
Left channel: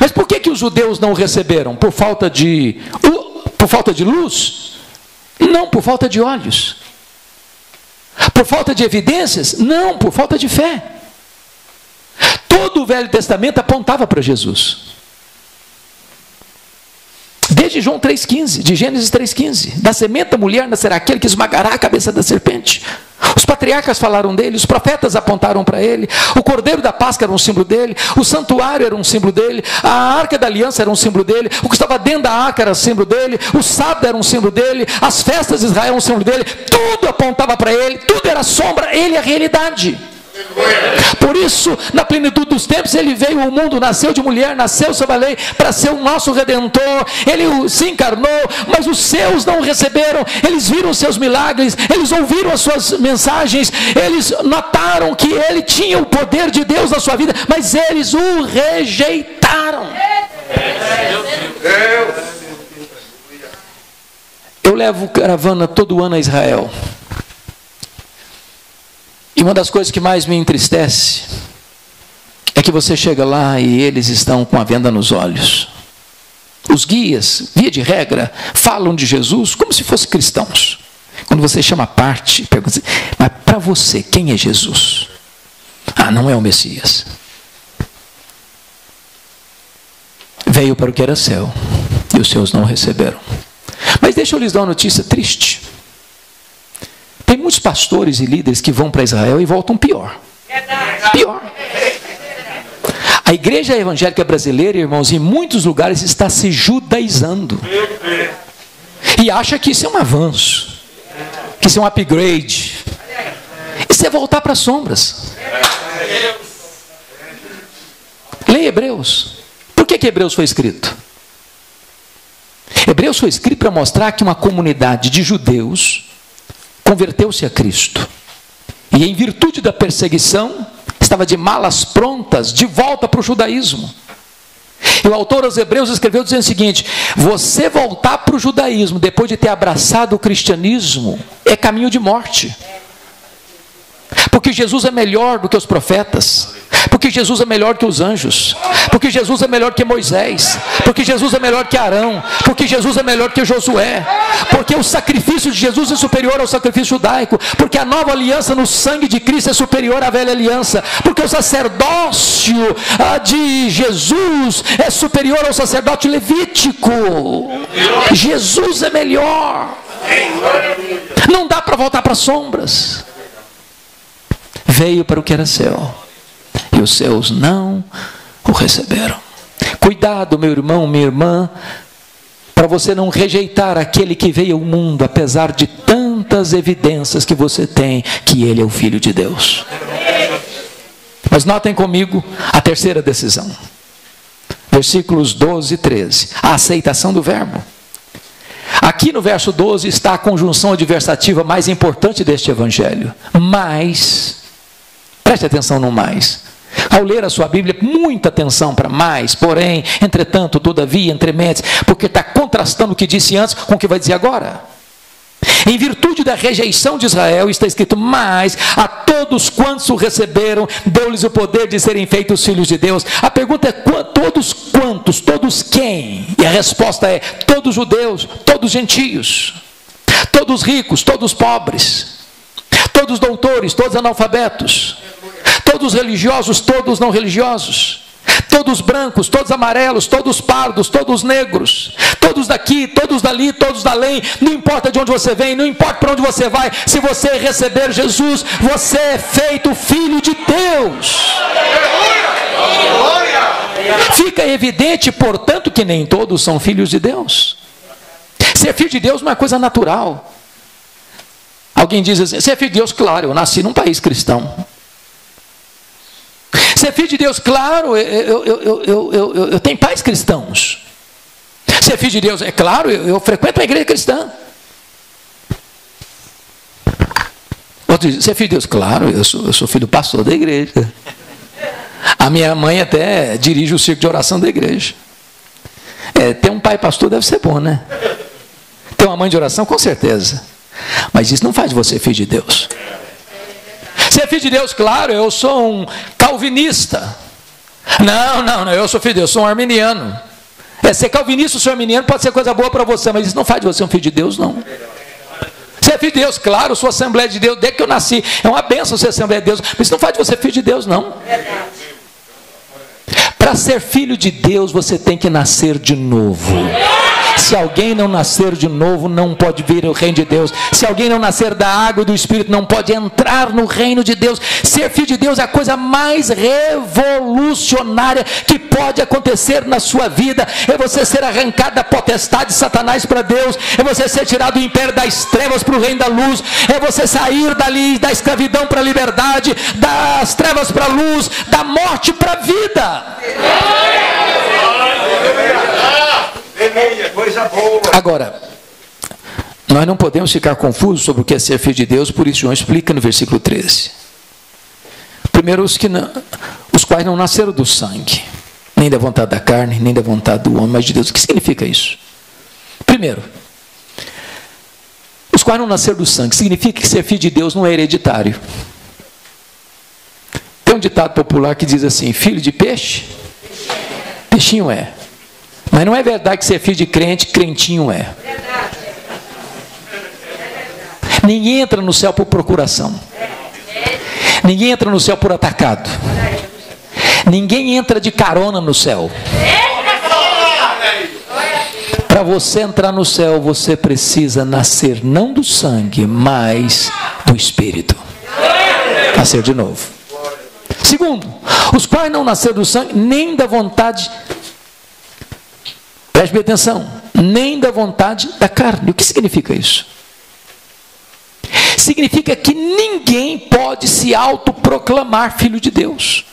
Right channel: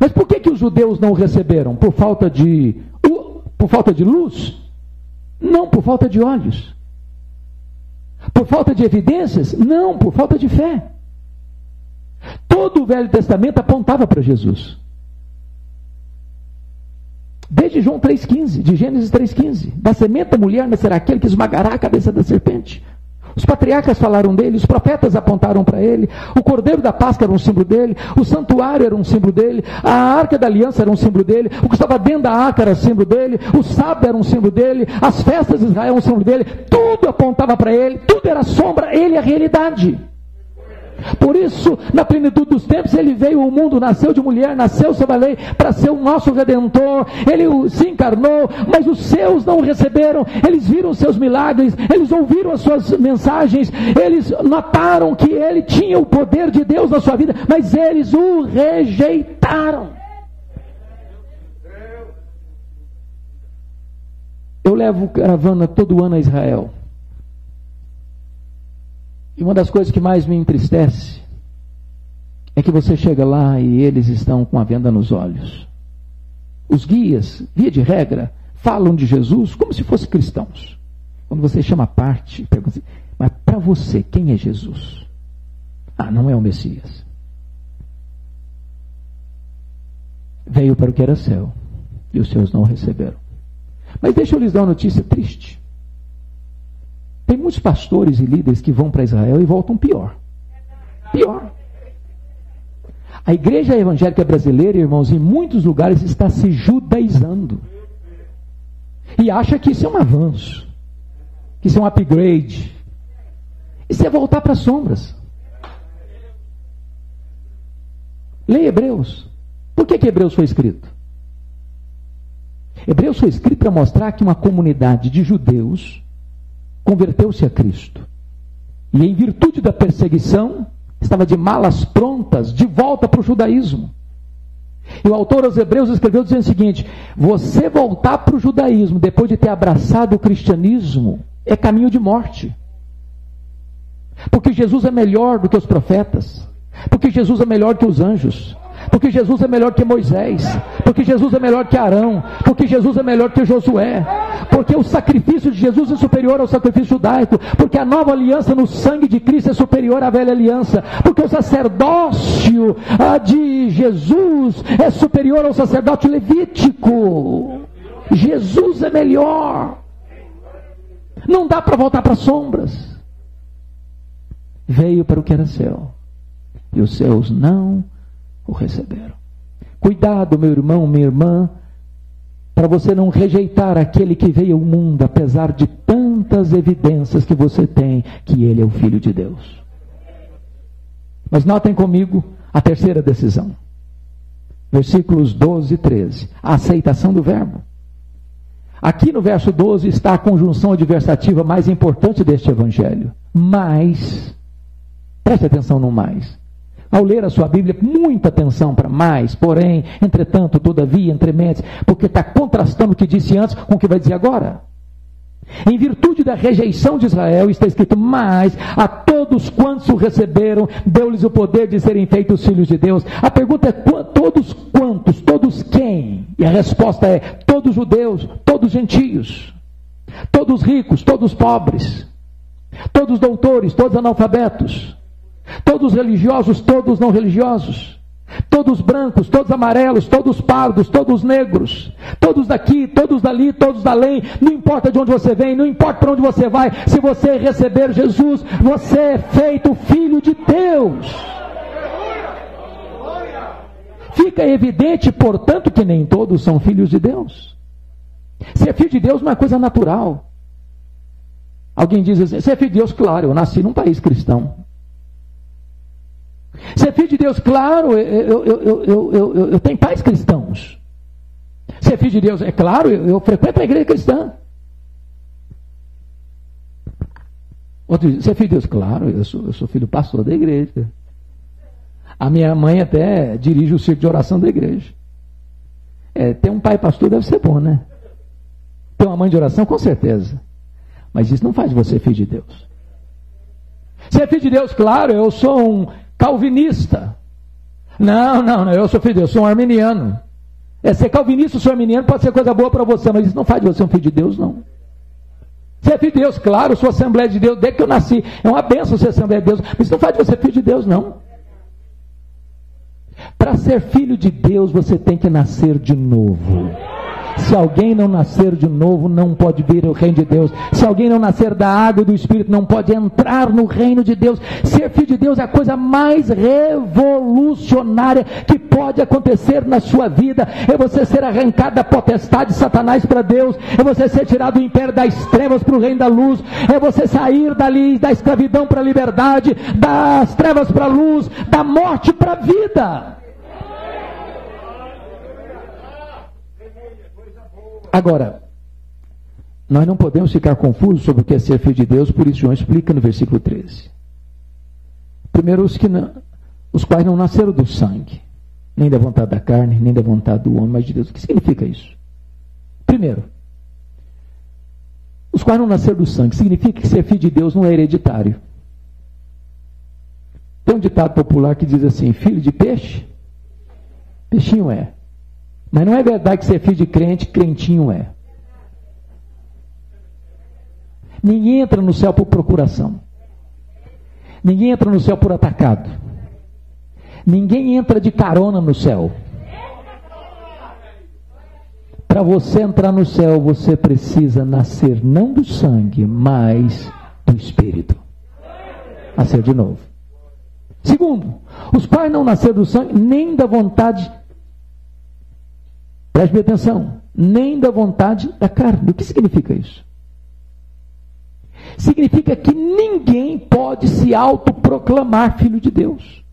Mas por que os judeus não o receberam? Por falta de luz? Não, por falta de olhos. Por falta de evidências? Não, por falta de fé. Todo o Velho Testamento apontava para Jesus. Desde João 3,15, de Gênesis 3,15, da semente da mulher nascerá aquele que esmagará a cabeça da serpente. Os patriarcas falaram dele, os profetas apontaram para ele, o cordeiro da Páscoa era um símbolo dele, o santuário era um símbolo dele, a arca da aliança era um símbolo dele, o que estava dentro da arca era um símbolo dele, o sábado era um símbolo dele, as festas de Israel eram um símbolo dele, tudo apontava para ele, tudo era sombra, ele é a realidade. Por isso, na plenitude dos tempos, ele veio ao mundo, nasceu de mulher, nasceu sob a lei, para ser o nosso Redentor. Ele se encarnou, mas os seus não o receberam. Eles viram os seus milagres, eles ouviram as suas mensagens, eles notaram que ele tinha o poder de Deus na sua vida, mas eles o rejeitaram. Eu levo caravana todo ano a Israel. E uma das coisas que mais me entristece é que você chega lá e eles estão com a venda nos olhos. Os guias, via de regra, falam de Jesus como se fossem cristãos. Quando você chama a parte, pergunta assim, mas para você, quem é Jesus? Ah, não é o Messias. Veio para o que era céu e os seus não o receberam. Mas deixa eu lhes dar uma notícia triste. Tem muitos pastores e líderes que vão para Israel e voltam pior. Pior. A igreja evangélica brasileira, irmãos, em muitos lugares está se judaizando. E acha que isso é um avanço. Que isso é um upgrade. Isso é voltar para as sombras. Leia Hebreus. Por que Hebreus foi escrito? Hebreus foi escrito para mostrar que uma comunidade de judeus converteu-se a Cristo. E em virtude da perseguição, estava de malas prontas, de volta para o judaísmo. E o autor aos Hebreus escreveu dizendo o seguinte: você voltar para o judaísmo, depois de ter abraçado o cristianismo, é caminho de morte. Porque Jesus é melhor do que os profetas. Porque Jesus é melhor que os anjos. Porque Jesus é melhor que Moisés. Porque Jesus é melhor que Arão. Porque Jesus é melhor que Josué. Porque o sacrifício de Jesus é superior ao sacrifício judaico. Porque a nova aliança no sangue de Cristo é superior à velha aliança. Porque o sacerdócio de Jesus é superior ao sacerdócio levítico. Jesus é melhor. Não dá para voltar para as sombras. Veio para o que era céu e os seus não o receberam. Cuidado, meu irmão, minha irmã, para você não rejeitar aquele que veio ao mundo, apesar de tantas evidências que você tem que ele é o Filho de Deus. Mas notem comigo a terceira decisão. Versículos 12 e 13. A aceitação do verbo. Aqui no verso 12 está a conjunção adversativa mais importante deste evangelho. Mas, preste atenção no mais. Ao ler a sua Bíblia, muita atenção para mais, porém, entretanto, todavia, entrementes, porque está contrastando o que disse antes com o que vai dizer agora. Em virtude da rejeição de Israel, está escrito: mas a todos quantos o receberam, deu-lhes o poder de serem feitos filhos de Deus. A pergunta é: todos quantos? Todos quem? E a resposta é: todos judeus, todos gentios, todos ricos, todos pobres, todos doutores, todos analfabetos, todos religiosos, todos não religiosos, todos brancos, todos amarelos, todos pardos, todos negros, todos daqui, todos dali, todos dalém. Não importa de onde você vem, não importa para onde você vai, se você receber Jesus, você é feito filho de Deus. Fica evidente, portanto, que nem todos são filhos de Deus. Ser filho de Deus não é coisa natural. Alguém diz assim: ser filho de Deus, claro, eu nasci num país cristão. Ser filho de Deus, claro, eu tenho pais cristãos. Ser filho de Deus, é claro, eu frequento a igreja cristã. Outro diz: ser filho de Deus, claro, eu sou filho do pastor da igreja. A minha mãe até dirige o círculo de oração da igreja. Ter um pai pastor deve ser bom, né? Ter uma mãe de oração, com certeza. Mas isso não faz de você filho de Deus. Ser filho de Deus, claro, eu sou um calvinista. Não, eu sou filho de Deus, sou um arminiano. Ser calvinista ou ser arminiano pode ser coisa boa para você, mas isso não faz de você um filho de Deus, não. Você é filho de Deus, claro, sou Assembleia de Deus, desde que eu nasci, é uma bênção ser Assembleia de Deus, mas isso não faz de você filho de Deus, não. Para ser filho de Deus, você tem que nascer de novo. Se alguém não nascer de novo, não pode vir o reino de Deus. Se alguém não nascer da água e do Espírito, não pode entrar no reino de Deus. Ser filho de Deus é a coisa mais revolucionária que pode acontecer na sua vida. É você ser arrancado da potestade de Satanás para Deus. É você ser tirado do império das trevas para o reino da luz. É você sair dali da escravidão para a liberdade, das trevas para a luz, da morte para a vida. Agora, nós não podemos ficar confusos sobre o que é ser filho de Deus, por isso João explica no versículo 13. Primeiro, os quais não nasceram do sangue, nem da vontade da carne, nem da vontade do homem, mas de Deus. O que significa isso? Primeiro, os quais não nasceram do sangue, significa que ser filho de Deus não é hereditário. Tem um ditado popular que diz assim: filho de peixe, peixinho é. Mas não é verdade que ser filho de crente, crentinho é. Ninguém entra no céu por procuração. Ninguém entra no céu por atacado. Ninguém entra de carona no céu. Para você entrar no céu, você precisa nascer não do sangue, mas do Espírito. Nascer de novo. Segundo, os quais não nasceram do sangue, nem da vontade, preste bem atenção, nem da vontade da carne. O que significa isso? Significa que ninguém pode se autoproclamar filho de Deus.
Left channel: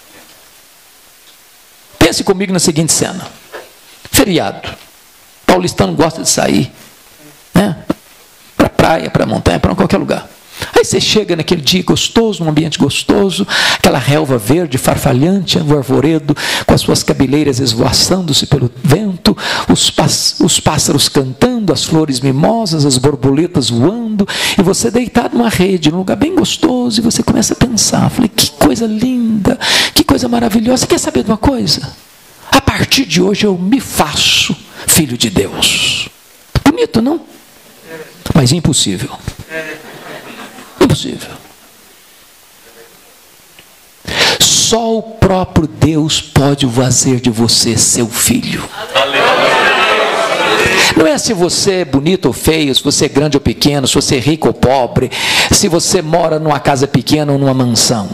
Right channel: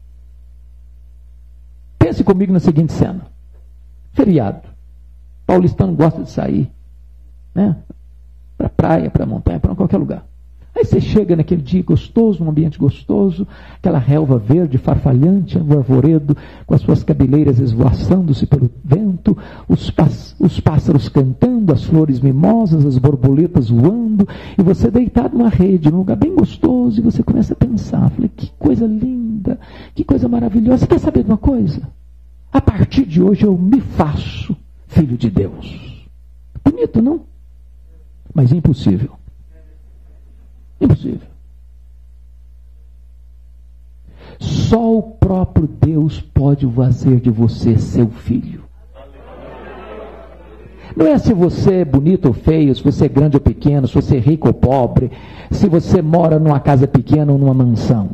Pense comigo na seguinte cena: feriado, paulistano gosta de sair, né? Para praia, para montanha, para qualquer lugar. Aí você chega naquele dia gostoso, num ambiente gostoso, aquela relva verde, farfalhante, o arvoredo, com as suas cabeleiras esvoaçando-se pelo vento, os pássaros cantando, as flores mimosas, as borboletas voando, e você deitado numa rede, num lugar bem gostoso, e você começa a pensar, falei, que coisa linda, que coisa maravilhosa. Você quer saber de uma coisa? A partir de hoje eu me faço filho de Deus. Bonito, não? Mas impossível. Impossível. Só o próprio Deus pode fazer de você seu filho. Não é se você é bonito ou feio, se você é grande ou pequeno, se você é rico ou pobre, se você mora numa casa pequena ou numa mansão.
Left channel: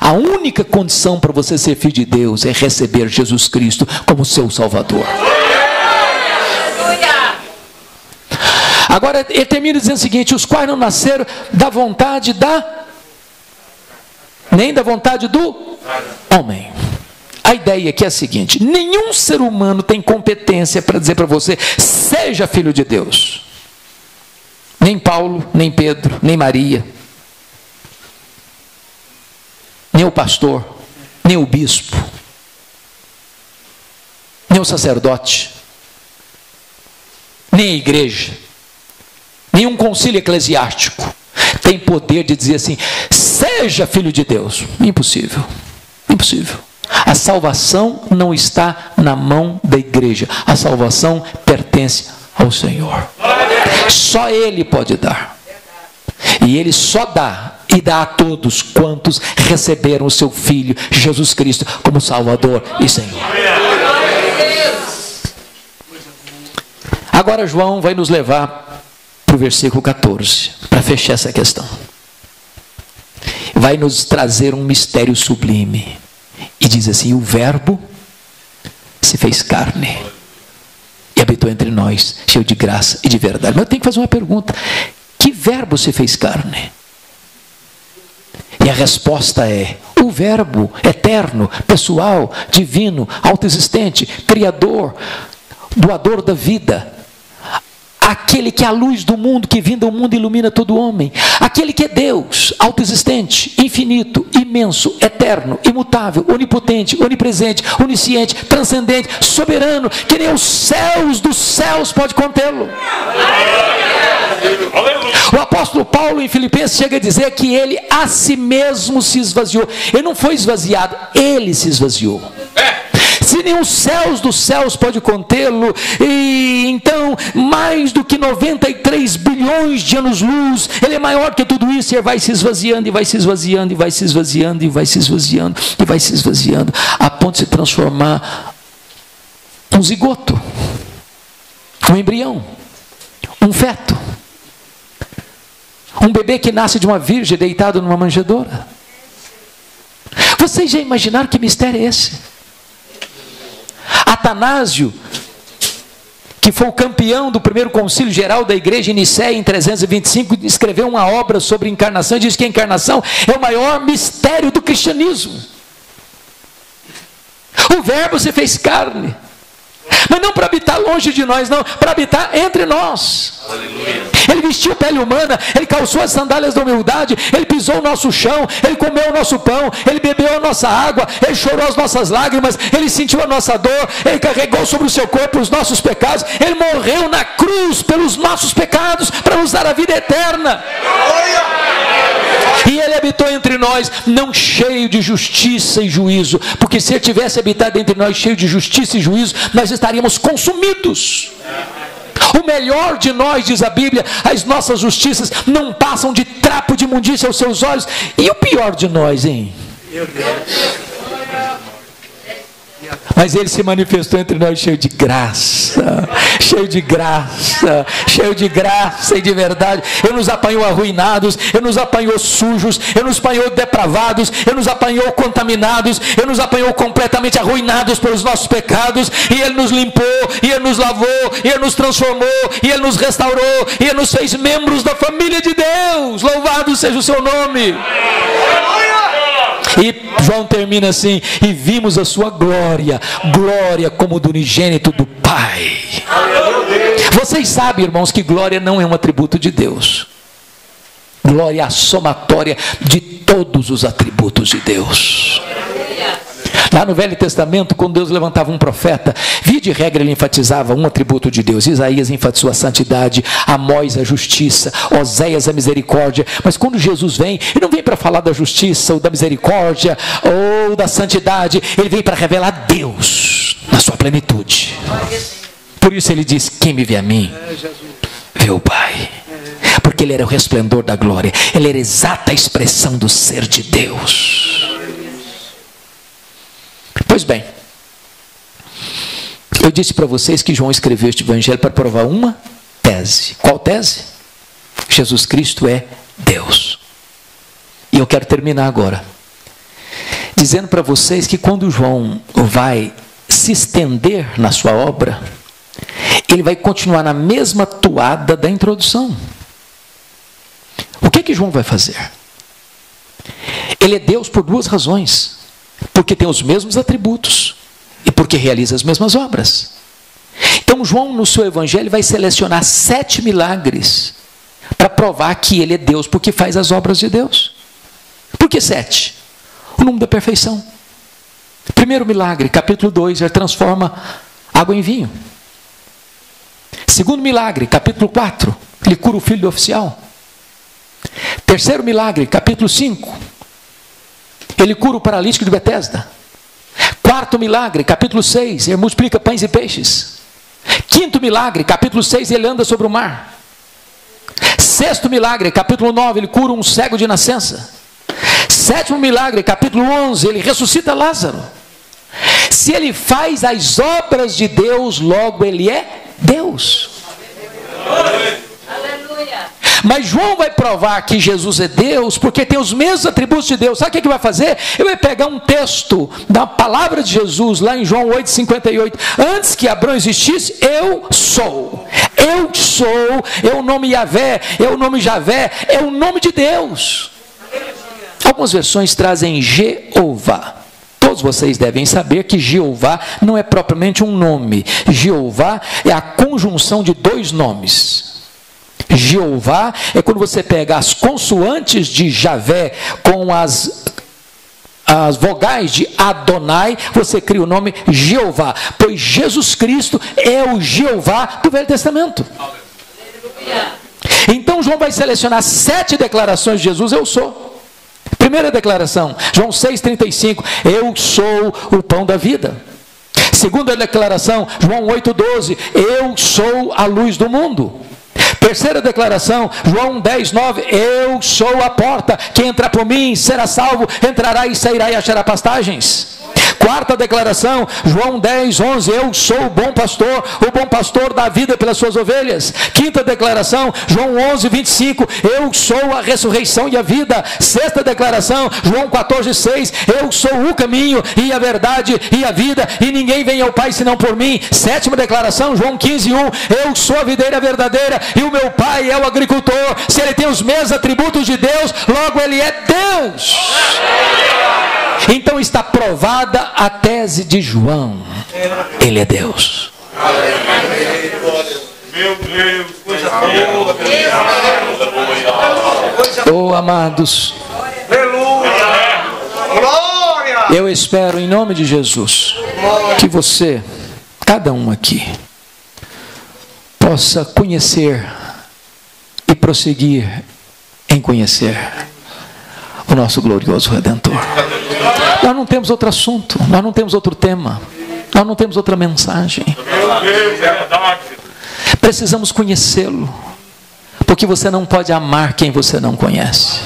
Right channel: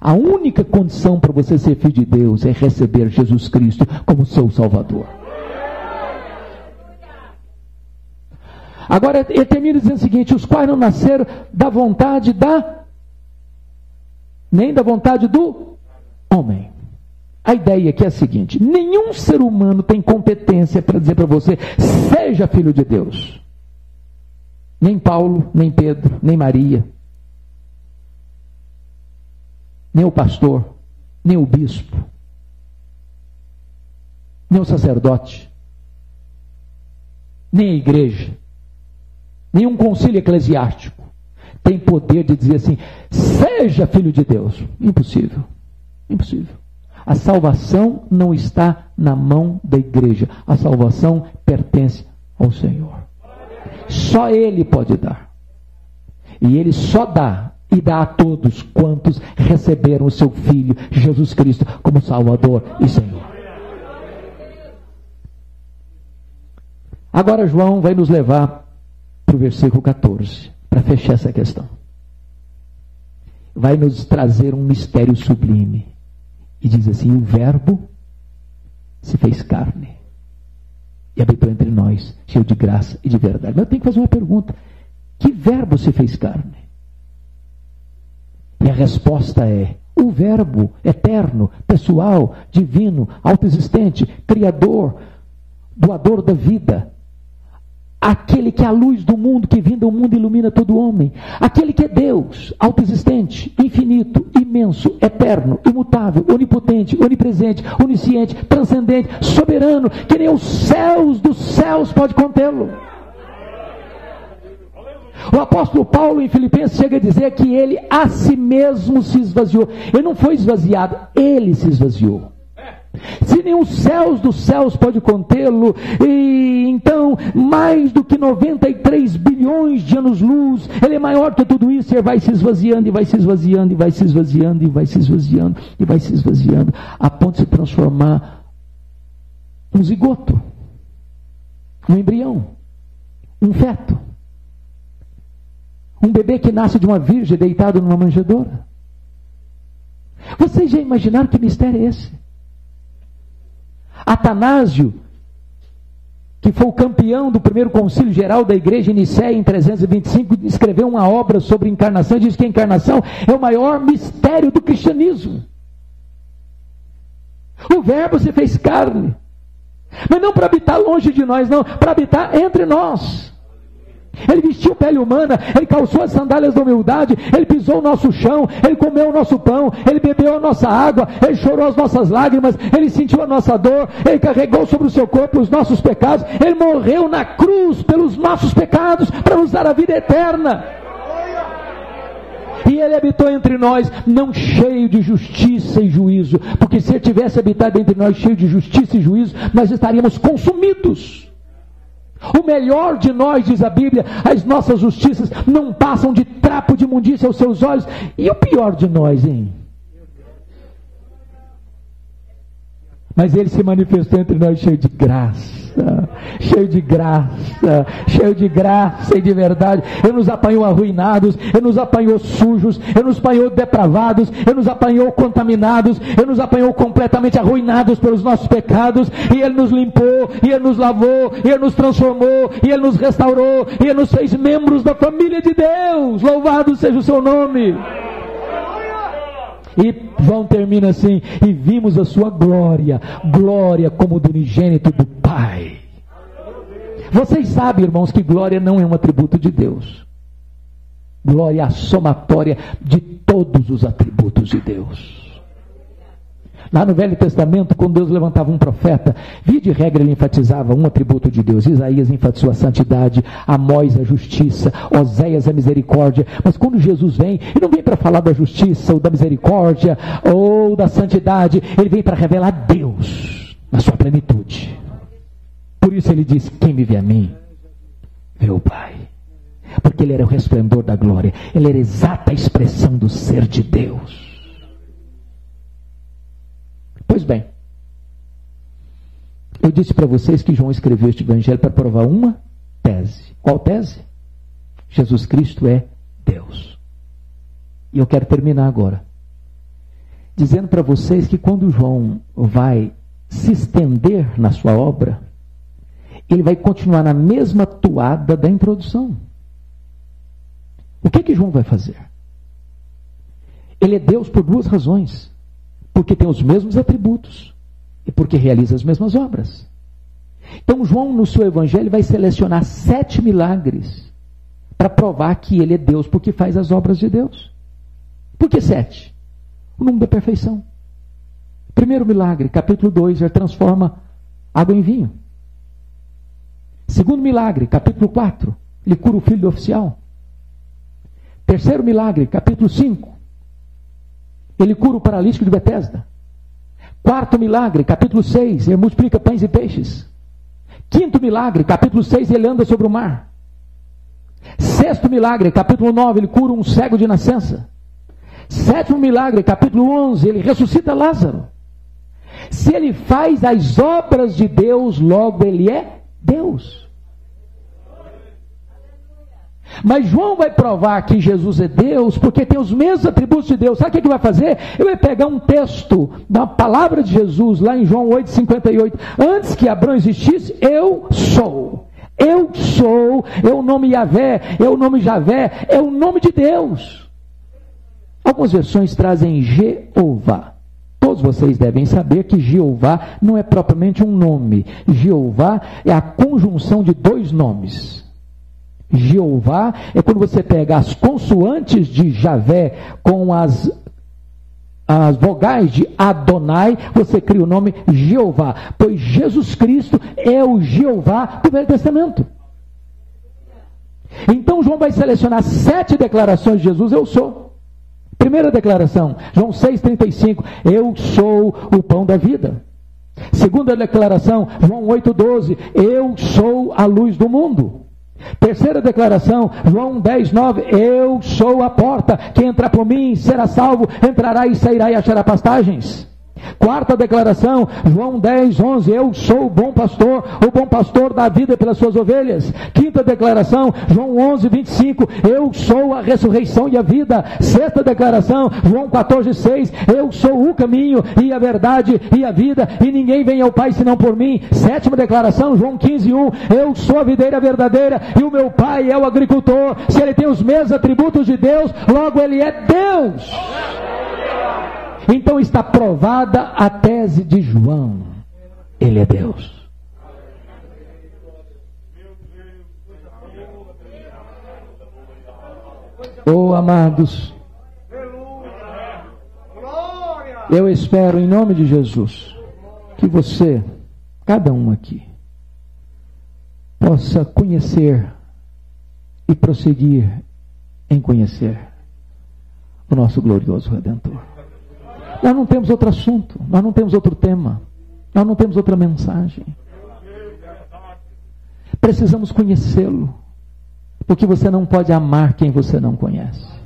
A única condição para você ser filho de Deus é receber Jesus Cristo como seu Salvador. Agora ele termina dizendo o seguinte: os quais não nasceram da vontade nem da vontade do homem. A ideia aqui é a seguinte: nenhum ser humano tem competência para dizer para você, seja filho de Deus. Nem Paulo, nem Pedro, nem Maria, nem o pastor, nem o bispo, nem o sacerdote, nem a igreja, nenhum concílio eclesiástico tem poder de dizer assim, seja filho de Deus. Impossível. Impossível. A salvação não está na mão da igreja. A salvação pertence ao Senhor. Só Ele pode dar. E Ele só dá, e dá a todos quantos receberam o seu Filho, Jesus Cristo, como Salvador e Senhor. Agora João vai nos levar para o versículo 14, para fechar essa questão. Vai nos trazer um mistério sublime. E diz assim: o Verbo se fez carne e habitou entre nós, cheio de graça e de verdade. Mas eu tenho que fazer uma pergunta: que verbo se fez carne? E a resposta é: o Verbo eterno, pessoal, divino, autoexistente, criador, doador da vida, aquele que é a luz do mundo, que vindo ao mundo ilumina todo homem, aquele que é Deus, autoexistente, infinito, imenso, eterno, imutável, onipotente, onipresente, onisciente, transcendente, soberano, que nem os céus dos céus pode contê-lo. O apóstolo Paulo em Filipenses chega a dizer que ele a si mesmo se esvaziou. Ele não foi esvaziado, ele se esvaziou. se nem os céus dos céus pode contê-lo, e então mais do que 93 bilhões de anos-luz, ele é maior que tudo isso, e vai se esvaziando, e vai se esvaziando, e vai se esvaziando, e vai se esvaziando, e vai se esvaziando, a ponto de se transformar um zigoto, um embrião, um feto, um bebê que nasce de uma virgem deitado numa manjedoura. Vocês já imaginaram que mistério é esse? Atanásio, que foi o campeão do primeiro concílio geral da igreja em Nicéia em 325, escreveu uma obra sobre encarnação e diz que a encarnação é o maior mistério do cristianismo. O verbo se fez carne, mas não para habitar longe de nós, não, para habitar entre nós. Ele vestiu pele humana, ele calçou as sandálias da humildade, ele pisou o nosso chão, ele comeu o nosso pão, ele bebeu a nossa água, ele chorou as nossas lágrimas, ele sentiu a nossa dor, ele carregou sobre o seu corpo os nossos pecados, ele morreu na cruz pelos nossos pecados, para nos dar a vida eterna. E ele habitou entre nós, não cheio de justiça e juízo, porque se ele tivesse habitado entre nós cheio de justiça e juízo, nós estaríamos consumidos. O melhor de nós, diz a Bíblia, as nossas justiças não passam de trapo de imundícia aos seus olhos. E o pior de nós, hein? Mas ele se manifestou entre nós cheio de graça, cheio de graça, cheio de graça e de verdade. Ele nos apanhou arruinados, ele nos apanhou sujos, ele nos apanhou depravados, ele nos apanhou contaminados, ele nos apanhou completamente arruinados pelos nossos pecados, e ele nos limpou, e ele nos lavou, e ele nos transformou, e ele nos restaurou, e ele nos fez membros da família de Deus. Louvado seja o seu nome. E João termina assim: e vimos a sua glória, glória como do unigênito do Pai. Vocês sabem, irmãos, que glória não é um atributo de Deus. Glória é a somatória de todos os atributos de Deus. Lá no Velho Testamento, quando Deus levantava um profeta, via de regra ele enfatizava um atributo de Deus. Isaías enfatizou a santidade, Amós a justiça, Oséias a misericórdia. Mas quando Jesus vem, ele não vem para falar da justiça ou da misericórdia ou da santidade, ele vem para revelar Deus na sua plenitude. Por isso ele diz: quem me vê a mim, vê o Pai. Porque ele era o resplendor da glória, ele era a exata expressão do ser de Deus. Pois bem, eu disse para vocês que João escreveu este evangelho para provar uma tese. Qual tese? Jesus Cristo é Deus. E eu quero terminar agora dizendo para vocês que quando João vai se estender na sua obra, ele vai continuar na mesma toada da introdução. O que João vai fazer? Ele é Deus por duas razões: porque tem os mesmos atributos e porque realiza as mesmas obras. Então João, no seu evangelho, vai selecionar 7 milagres para provar que ele é Deus, porque faz as obras de Deus. Por que 7? O número da perfeição. Primeiro milagre, capítulo 2, ele transforma água em vinho. Segundo milagre, capítulo 4, ele cura o filho do oficial. Terceiro milagre, capítulo 5, ele cura o paralítico de Betesda. Quarto milagre, capítulo 6, ele multiplica pães e peixes. Quinto milagre, capítulo 6, ele anda sobre o mar. Sexto milagre, capítulo 9, ele cura um cego de nascença. Sétimo milagre, capítulo 11, ele ressuscita Lázaro. Se ele faz as obras de Deus, logo ele é Deus. Mas João vai provar que Jesus é Deus, porque tem os mesmos atributos de Deus. Sabe o que ele vai fazer? Ele vai pegar um texto da palavra de Jesus, lá em João 8,58. Antes que Abraão existisse, eu sou. Eu sou, é o nome Yahvé, é o nome Javé, é o nome de Deus. Algumas versões trazem Jeová. Todos vocês devem saber que Jeová não é propriamente um nome. Jeová é a conjunção de dois nomes. Jeová é quando você pega as consoantes de Javé com as vogais de Adonai, você cria o nome Jeová, pois Jesus Cristo é o Jeová do Velho Testamento. Então João vai selecionar 7 declarações de Jesus: eu sou. Primeira declaração, João 6,35, eu sou o pão da vida. Segunda declaração, João 8,12, eu sou a luz do mundo. Terceira declaração, João 10,9, eu sou a porta, quem entrar por mim será salvo, entrará e sairá e achará pastagens. Quarta declaração, João 10,11, eu sou o bom pastor dá a vida pelas suas ovelhas. Quinta declaração, João 11,25, eu sou a ressurreição e a vida. Sexta declaração, João 14,6, eu sou o caminho e a verdade e a vida, e ninguém vem ao Pai senão por mim. Sétima declaração, João 15,1, eu sou a videira verdadeira e o meu Pai é o agricultor. Se ele tem os mesmos atributos de Deus, logo ele é Deus. Então está provada a tese de João, ele é Deus. Meu Deus, coisa boa. Oh, amados, Glória. eu espero em nome de Jesus que você, cada um aqui, possa conhecer e prosseguir em conhecer o nosso glorioso Redentor. Nós não temos outro assunto, nós não temos outro tema, nós não temos outra mensagem. Precisamos conhecê-lo, porque você não pode amar quem você não conhece.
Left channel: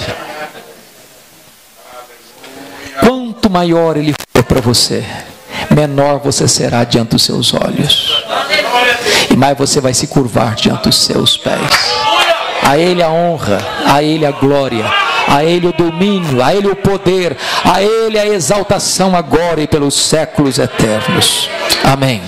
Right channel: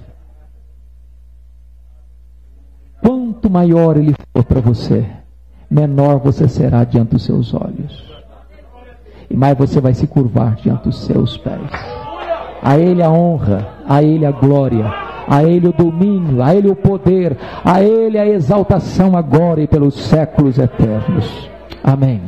Quanto maior ele for para você, menor você será diante dos seus olhos, e mais você vai se curvar diante dos seus pés. A ele a honra, a ele a glória, a ele o domínio, a ele o poder, a ele a exaltação agora e pelos séculos eternos. Amém.